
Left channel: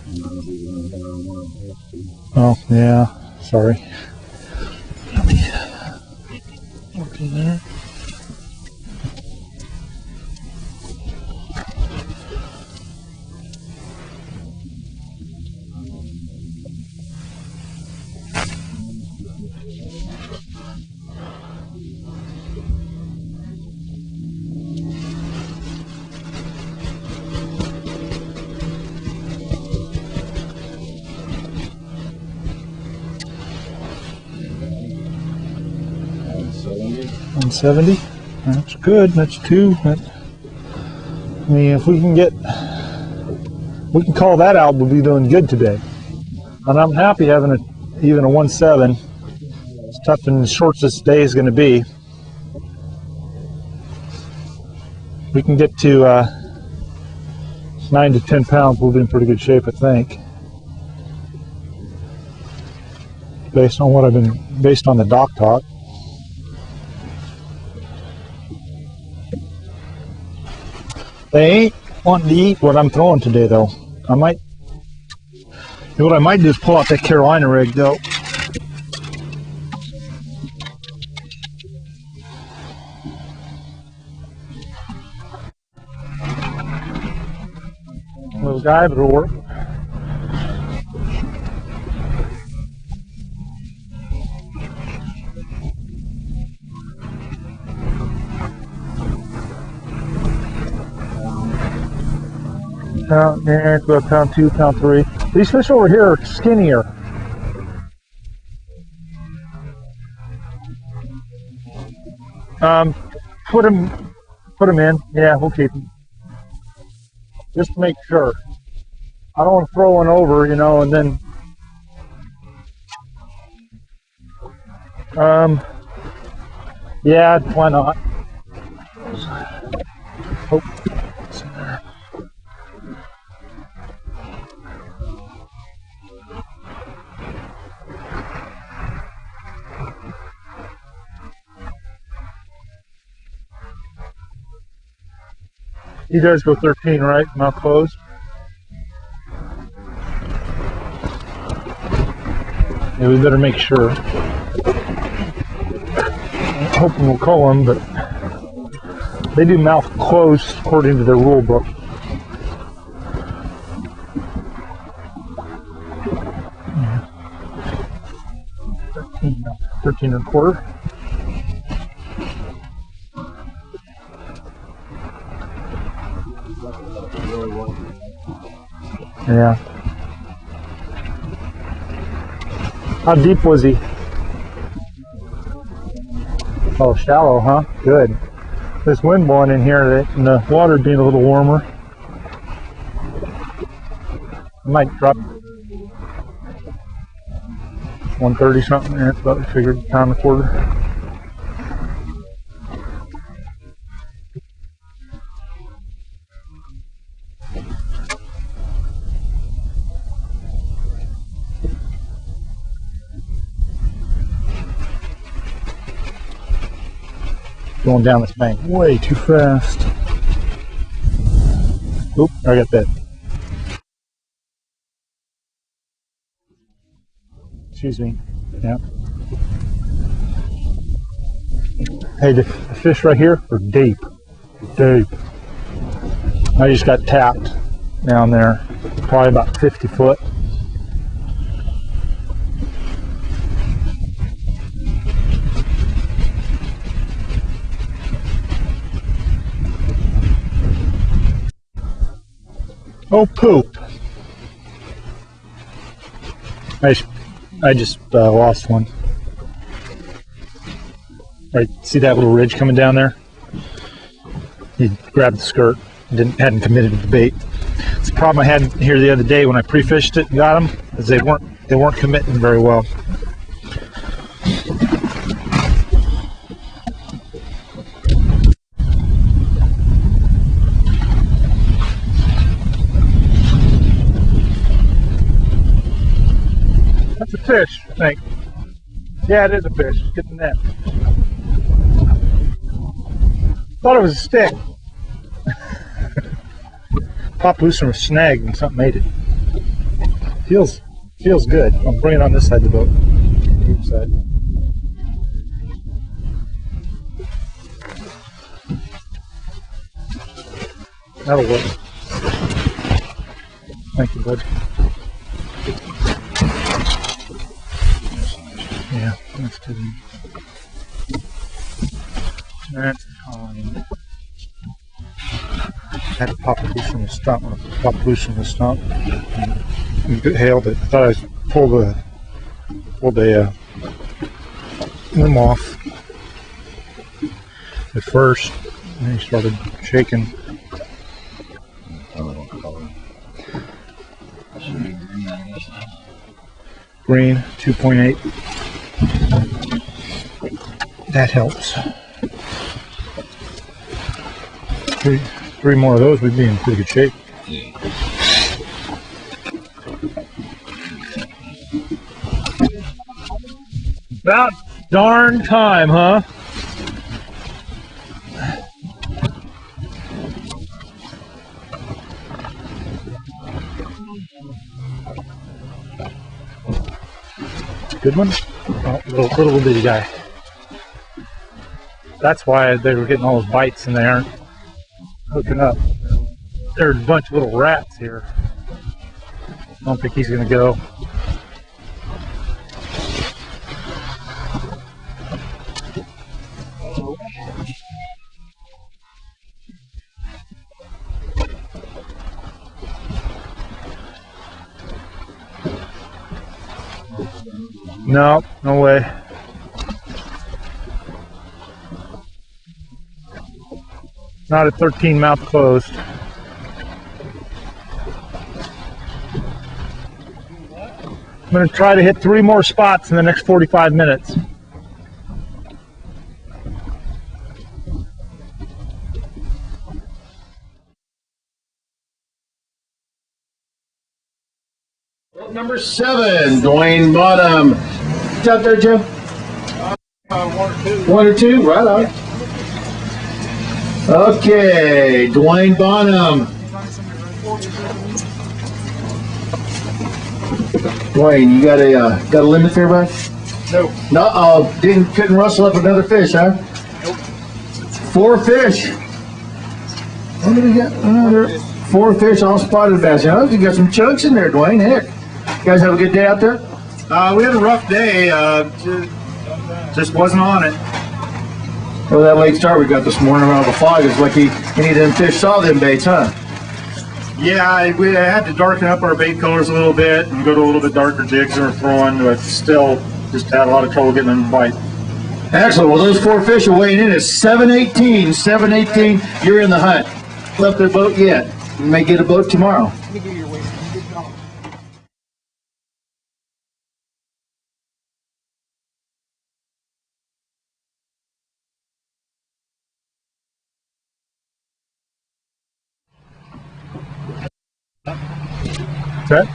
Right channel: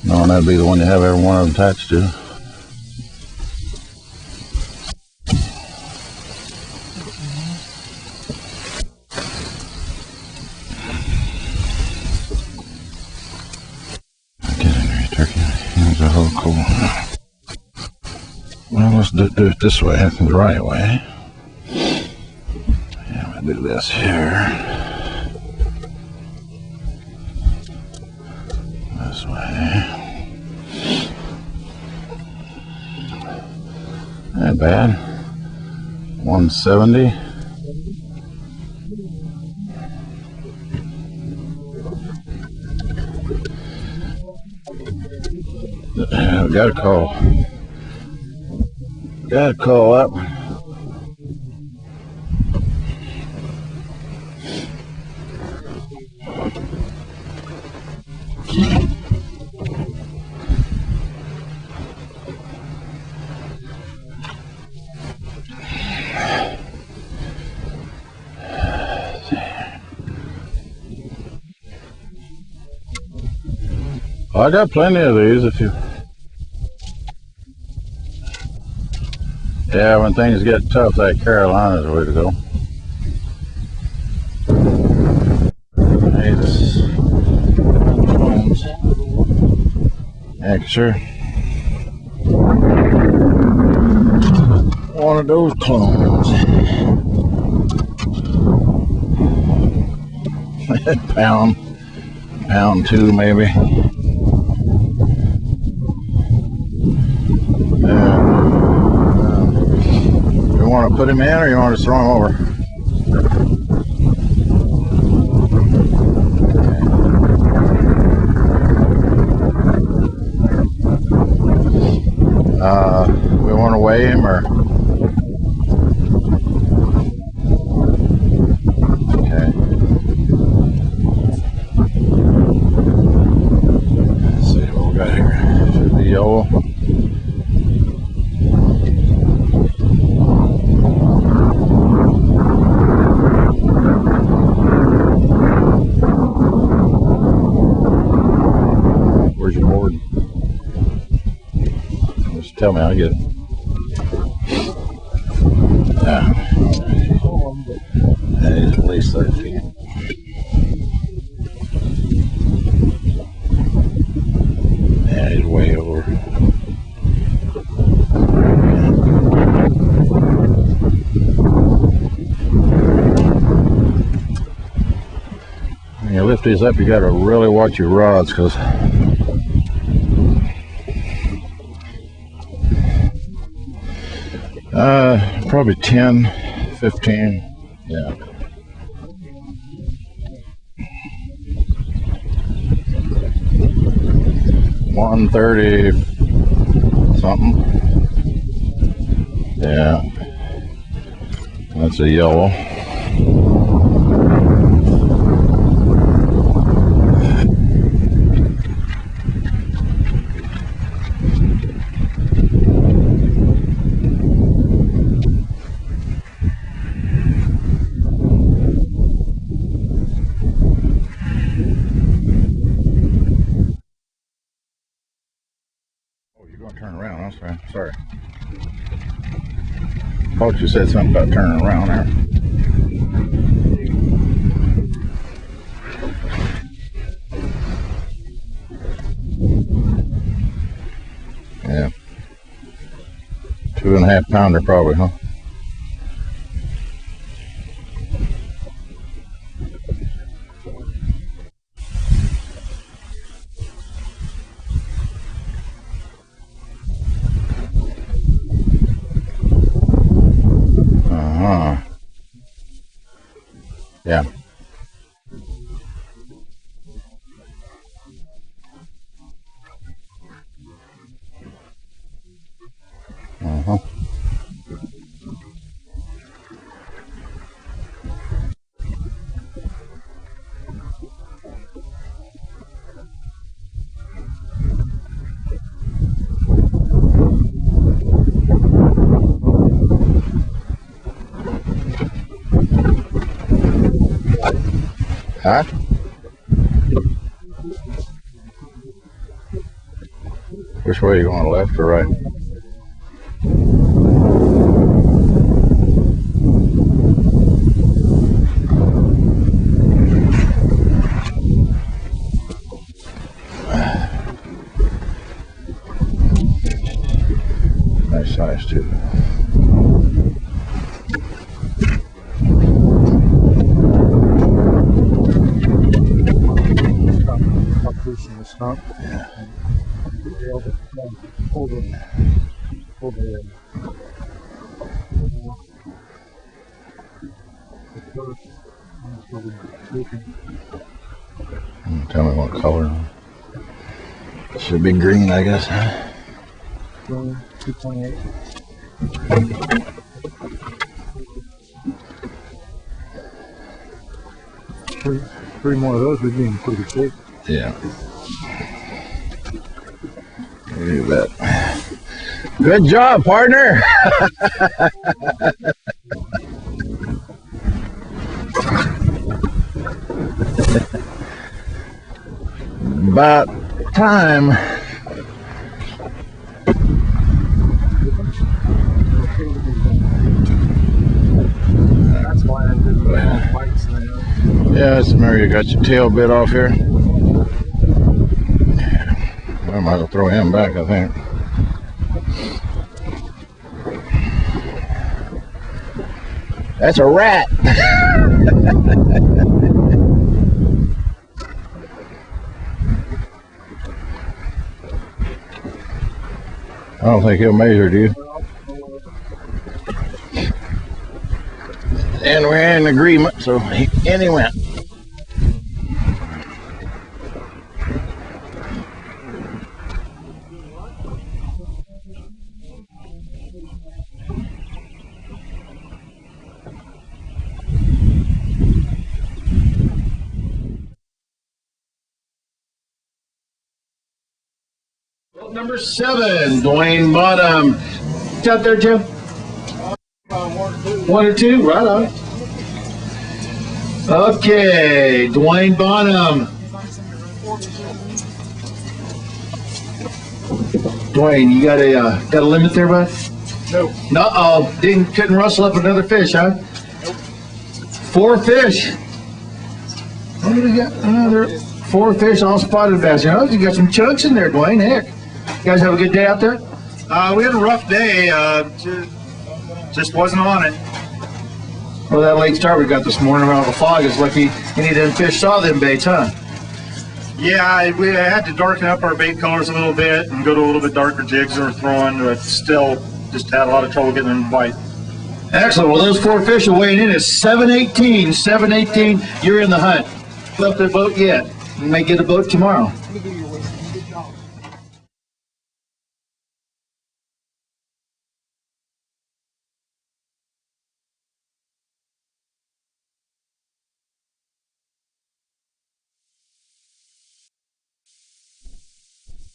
No, that'd be the one you have every one of them attached to. Oh, yeah. Sorry. Get in there, you turkey. Here's a whole cool. Well, let's do it this way. That's the right way. Yeah, I'm going to do this here. This way. Not bad. 170. 170. That's good. That's 2. I mean, if we can call that out, we'll be doing good today. Got And I'm happy having even a 1.7. Got to call up. Something as short as this day is going to be. We can get to 9 to 10 pounds. We'll be in pretty good shape, I think. Based on the dock talk. They ain't wanting to eat what I'm throwing today, though. I got plenty of these if you. What I might do is pull out that Carolina rig, though. Yeah, when things get tough, that Carolina's the way to go. Little guy, but it'll work. Heck, sure. One of those clones. pound 2 maybe. Yeah, it's about pound 2, pound 3. These fish over here are skinnier. You want to put him in, or you want to throw him over? Put him in. Yeah, we'll keep him. Just to make sure. I don't want to throw one over, and then. We want to weigh him, or? Yeah, why not? Okay. Oh. Let's see what we got here. Should be yellow. You guys go 13, right? Mouth closed. Where's your board? Just tell me. I'll Yeah, get we it. better make sure. Yeah. I'm hoping we'll call them, but At least that. they do mouth closed according to their rule book. Yeah, he's way over. 13 and a quarter. When you lift these up, you got to really watch your rods, because Yeah. How deep was he? probably 10, 15. Oh, shallow, huh? Good. This wind blowing in here and the water being a little warmer. Might drop 130 something. 130 something. Yeah, it's about figured Yeah. pound and a quarter. That's a yellow. Going down this bank way too fast. Oop, I got that You're going to turn around, I'm sorry. Excuse me. Yeah. Thought you said something about turning around there. Hey, the fish right here are deep. Deep. I just got tapped down there. Probably about 50 foot. Yeah. 2.5 pounder probably, huh? Oh, poop. I just lost one. Right, see that little ridge coming down there? Yeah. He grabbed the skirt, hadn't committed to the bait. It's the problem I had here the other day when I pre-fished it and got them, is they weren't committing very well. That's a fish, I think. Yeah, it is a fish. Get the net. I thought it was a stick. Huh? Popped loose from a snag and something made it. Feels. Which way are you feels going, good. left or right? I'll bring it on this side of the boat. That'll work. Thank you, bud. Nice size too. Yeah. And had it pop loose from the stump. It hailed it. I thought I pulled a limb off at first, and then he started shaking. Tell me what color. Should be green, I guess. Green, 2.8. That helps. Three more of those, we'd be in pretty good shape. Yeah. Look at that. Good job, partner. About darn time, huh? About time. Good one? Oh, little bitty guy. That's why they were getting all those bites and they aren't. Yeah, it's Mary. You got your tail bit off here. There's a bunch of little rats here. I might have throw him back, I think. That's a rat. I don't think he'll measure, do you? No, no way. And we're in agreement, so in he went. Not at 13, mouth closed. I'm going to try to hit 3 more spots in the next 45 minutes. Number 7, Dewayne Bonham. What's out there, Jim? 1 or 2, right on. Okay, Dewayne Bonham. Dwayne, you got a limit there, bud? Nope. No, couldn't rustle up another fish, huh? Nope. 4 fish. What do we got? Another 4 fish, all spotted bass. You know, you got some chunks in there, Dwayne. Heck, you guys have a good day out there? We had a rough day. Just wasn't on it. Well, that late start we got this morning around the fog is lucky any of them fish saw them baits, huh? Yeah, we had to darken up our bait colors a little bit and go to a little bit darker jigs than we're throwing, but still just had a lot of trouble getting them to bite. Excellent. Well, those 4 fish are weighing in at 718. 718, you're in the hunt. Left the boat yet. You may get a boat tomorrow.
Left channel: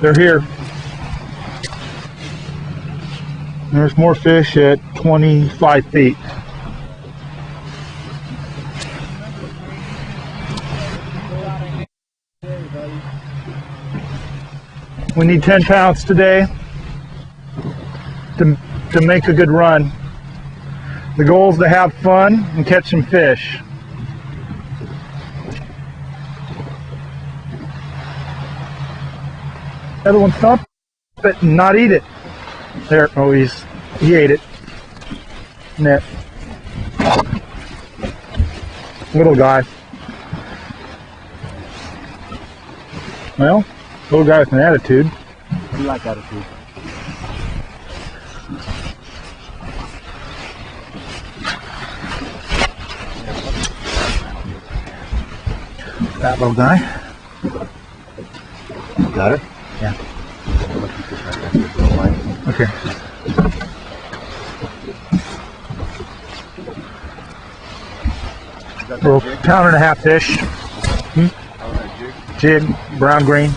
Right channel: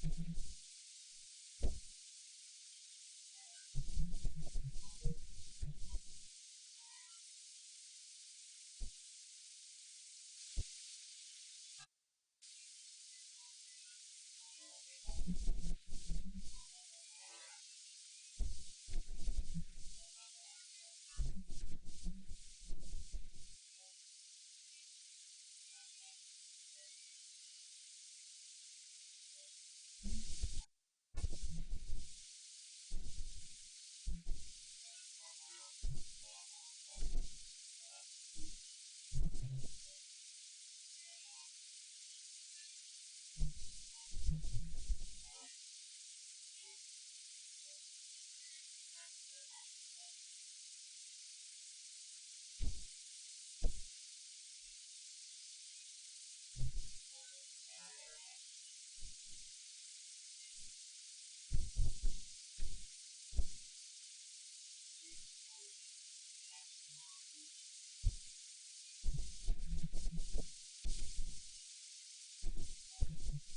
They're here. There's more fish at 25 feet. We need 10 pounds today. to make a good run. The goal is to have fun and catch some fish. The other one stop it and not eat it. There, oh, he ate it. Net. Little guy. Well, little guy with an attitude. You like attitude. That little guy. Got it? Yeah. Okay. Little pound and a half fish. Jig, brown green.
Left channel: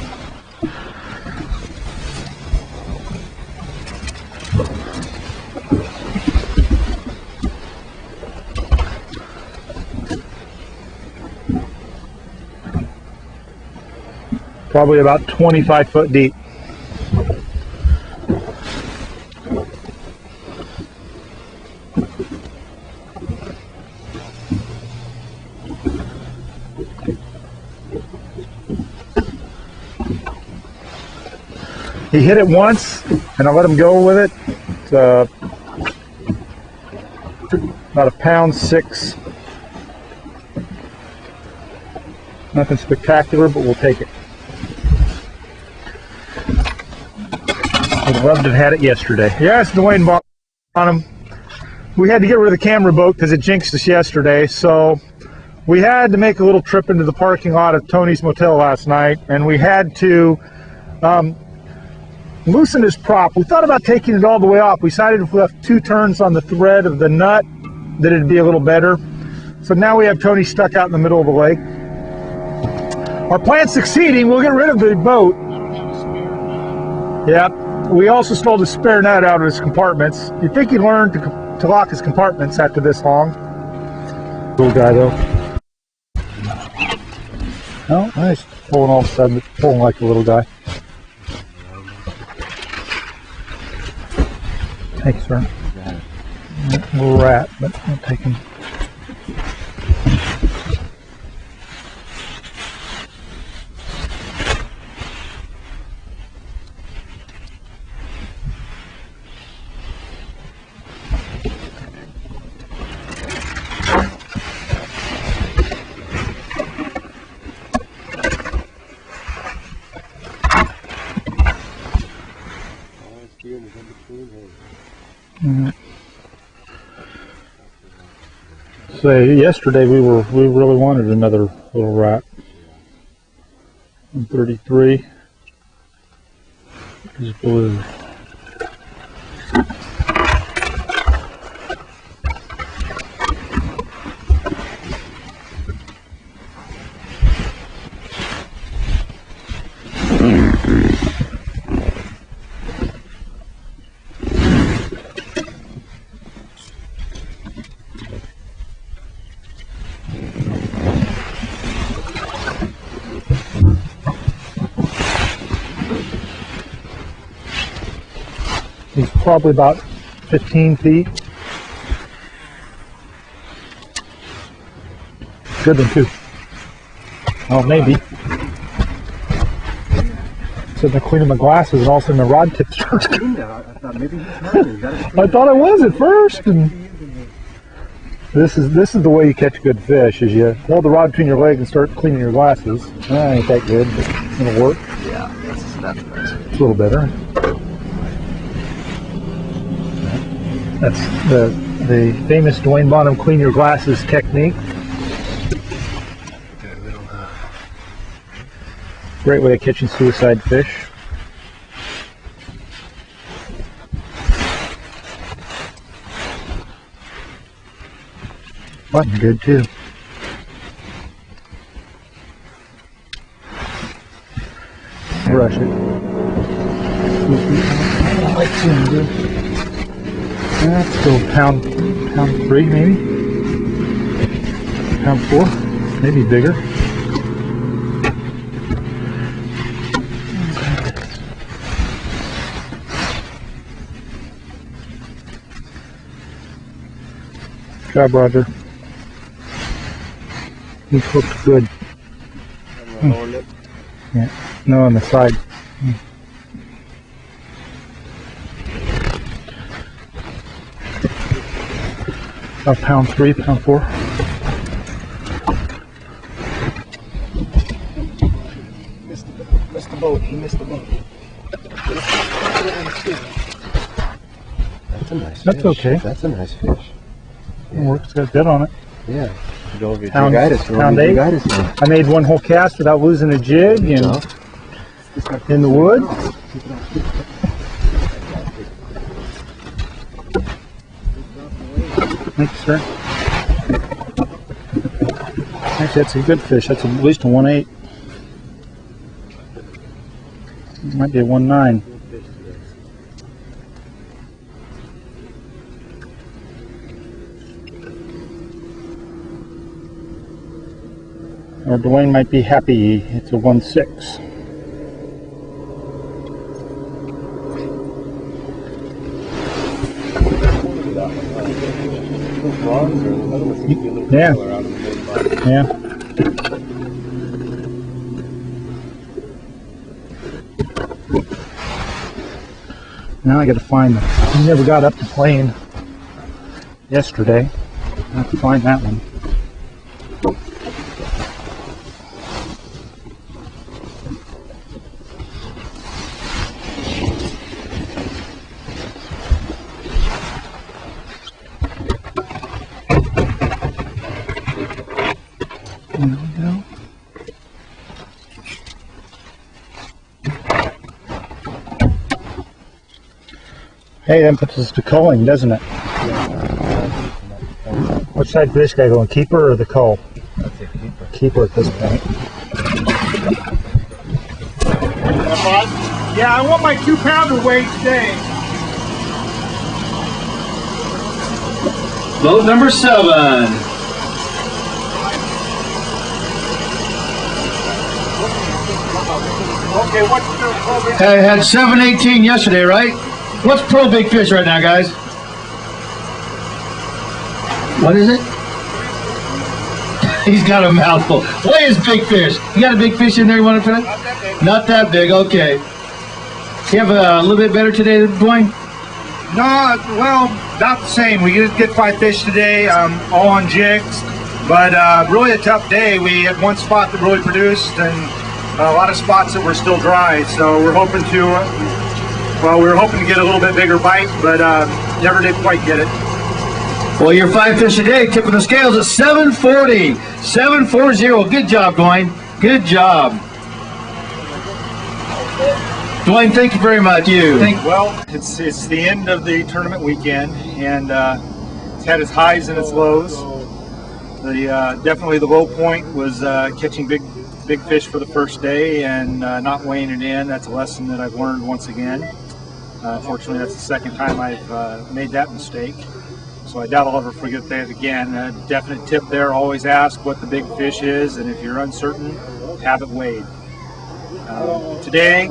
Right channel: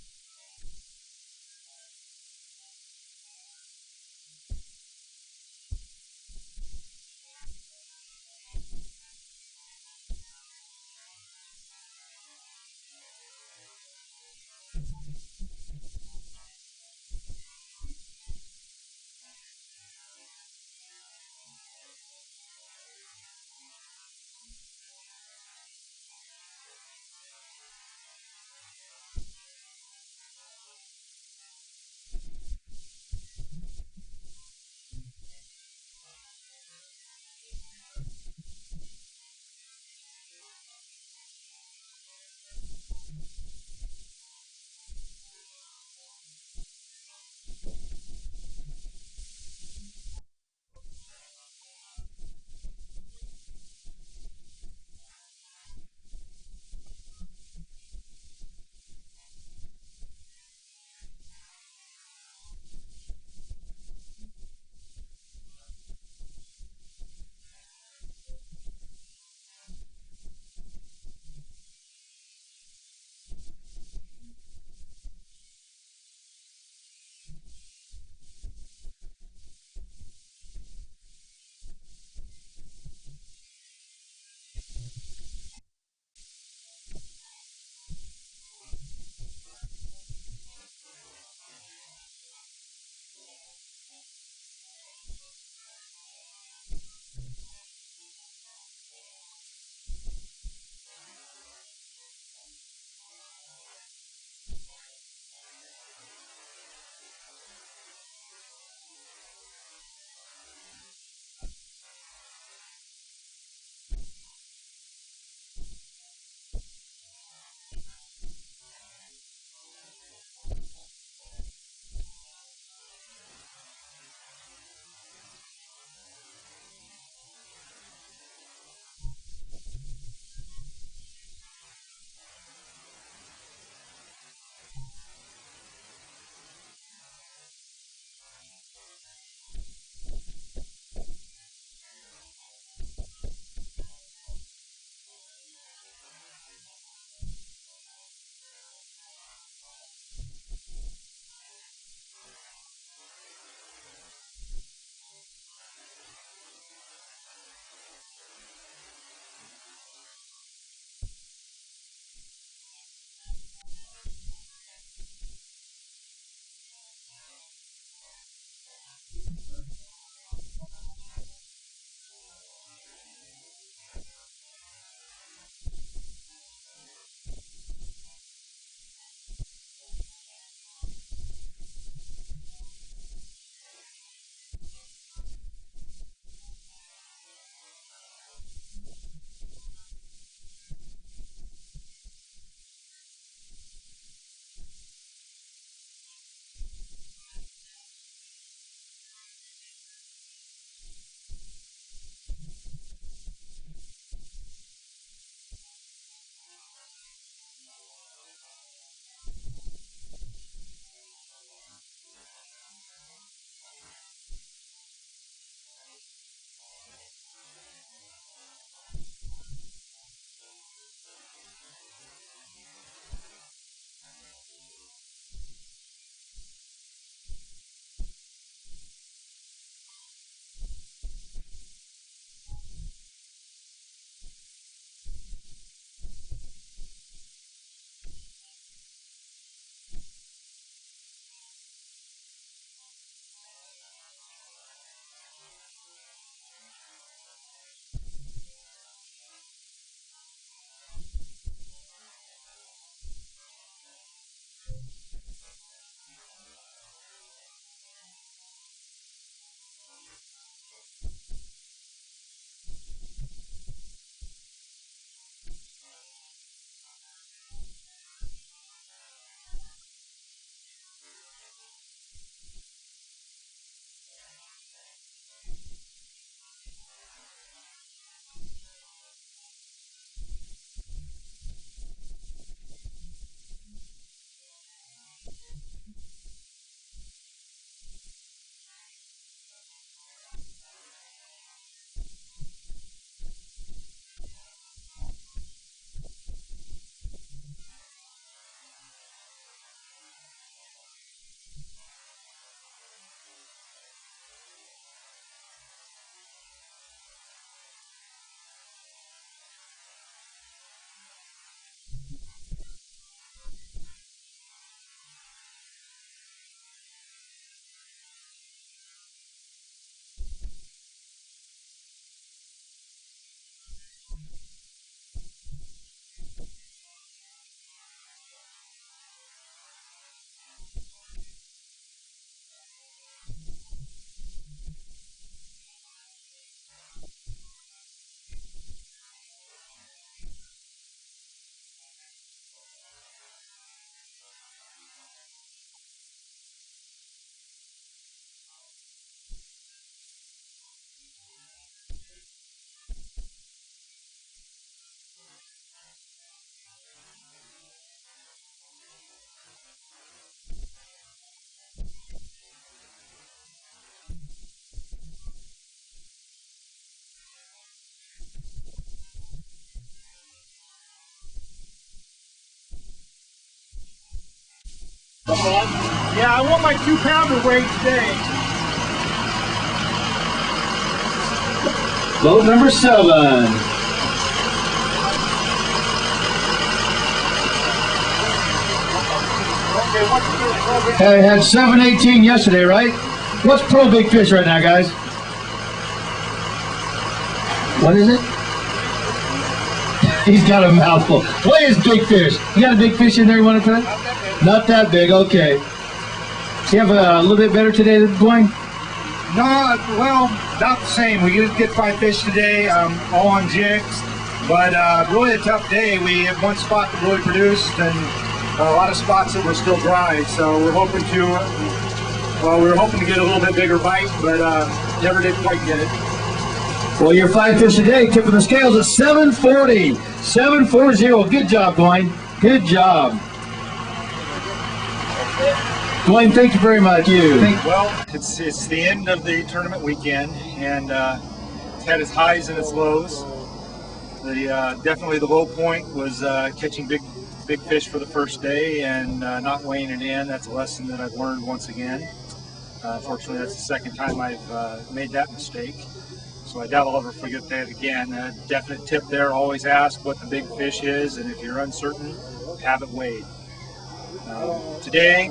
Probably about 25 foot deep. He hit it once, and I let him go with it. It's about £1.6. Nothing spectacular, but we'll take it. Would loved to have had it yesterday. Yes, Dewayne Bonham. We had to get rid of the camera boat because it jinxed us yesterday, so we had to make a little trip into the parking lot of Tony's Motel last night, and we had to loosen his prop. We thought about taking it all the way off. We decided if we left 2 turns on the thread of the nut that it'd be a little better. So now we have Tony stuck out in the middle of the lake. Our plan's succeeding. We'll get rid of the boat. Yeah. We also stole the spare nut out of his compartments. You'd think he learned to lock his compartments after this long. Little guy though. Oh, nice. Pulling all of a sudden, pulling like a little guy. Thanks, sir. Little rat, but I'll take him. So yesterday we really wanted another little rat. 133 is blue. He's probably about 15 feet. Good one too. Oh, maybe. So they're cleaning my glasses and all of a sudden the rod tip starts coming. I thought maybe he's I thought I was at first. And this is the way you catch good fish, is you hold the rod between your legs and start cleaning your glasses. Ain't that good, but it'll work. Yeah, that's nice. It's a little better. That's the famous Dewayne Bonham clean your glasses technique. Great way of catching suicide fish. Button good too. Brush it. I like seeing good. That's still pound 3 maybe. Pound 4, maybe bigger. job, Roger. He's hooked good. Yeah, no, on the side. About pound 3, pound 4. Missed the boat. He missed the boat. That's a nice That's fish. okay. That's a nice fish. It works, it's got a bit on it. Yeah. Go over your Pound- jigitis. Go over pound your 8. jigitis now. I made one whole cast without losing a jig and in the wood. Thanks, sir. Actually, that's a good fish. That's at least a 1.8. Might be a 1.9. Or Dewayne might be happy. It's a 1.6. Yeah. Yeah. Now I got to find them. I never got up to playing yesterday. I have to find that one. There we go. Hey, that puts us to culling, doesn't it? Which side for this guy going, keeper or the cull? Keeper at this point. Yeah, I want my 2-pounder weight today. Boat number 7. Okay, what's your program? Hey, had 718 yesterday, right? What's pro big fish right now, guys? What is it? He's got a mouthful. What is big fish? You got a big fish in there you want to put? Not that big, okay. You have a little bit better today, Dwayne? No, well, about the same. We did get 5 fish today, all on jigs, but really a tough day. We had one spot that really produced and a lot of spots that were still dry, so we're hoping to, well, we were hoping to get a little bit bigger bite, but never did quite get it. Well, your 5 fish a day, tip of the scales at 740. 740. Good job, Dwayne. Good job. Dwayne, thank you very much. Well, it's the end of the tournament weekend, and it's had its highs and its lows. Definitely the low point was catching big fish for the first day and not weighing it in. That's a lesson that I've learned once again. Fortunately, that's the second time I've made that mistake. So I doubt I'll ever forget that again. A definite tip there, always ask what the big fish is, and if you're uncertain, have it weighed. Today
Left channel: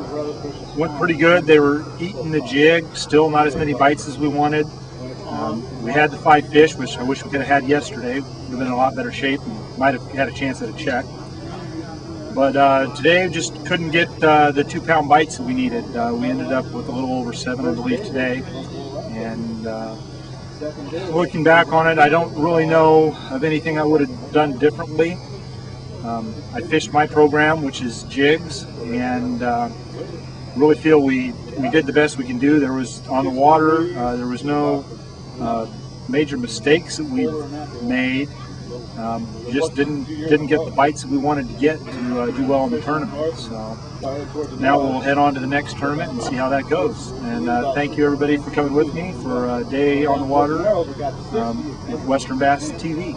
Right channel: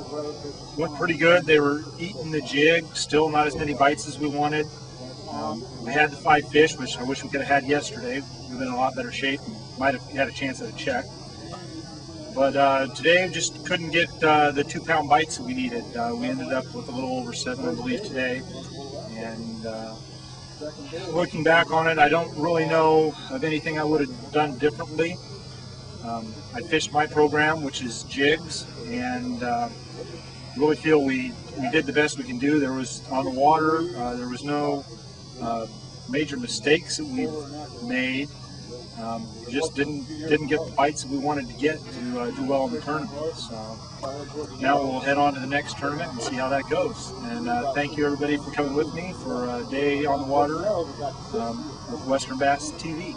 went pretty good. They were eating the jig, still not as many bites as we wanted. We had the 5 fish, which I wish we could have had yesterday. Would have been in a lot better shape and might have had a chance at a check. But today just couldn't get the 2-pound bites that we needed. We ended up with a little over 7, I believe, today. And looking back on it, I don't really know of anything I would have done differently. I fished my program, which is jigs, and really feel we did the best we can do. There was, on the water, there was no major mistakes that we made. Just didn't get the bites that we wanted to get to do well in the tournament. So now we'll head on to the next tournament and see how that goes. And thank you everybody for coming with me for a day on the water with Western Bass TV.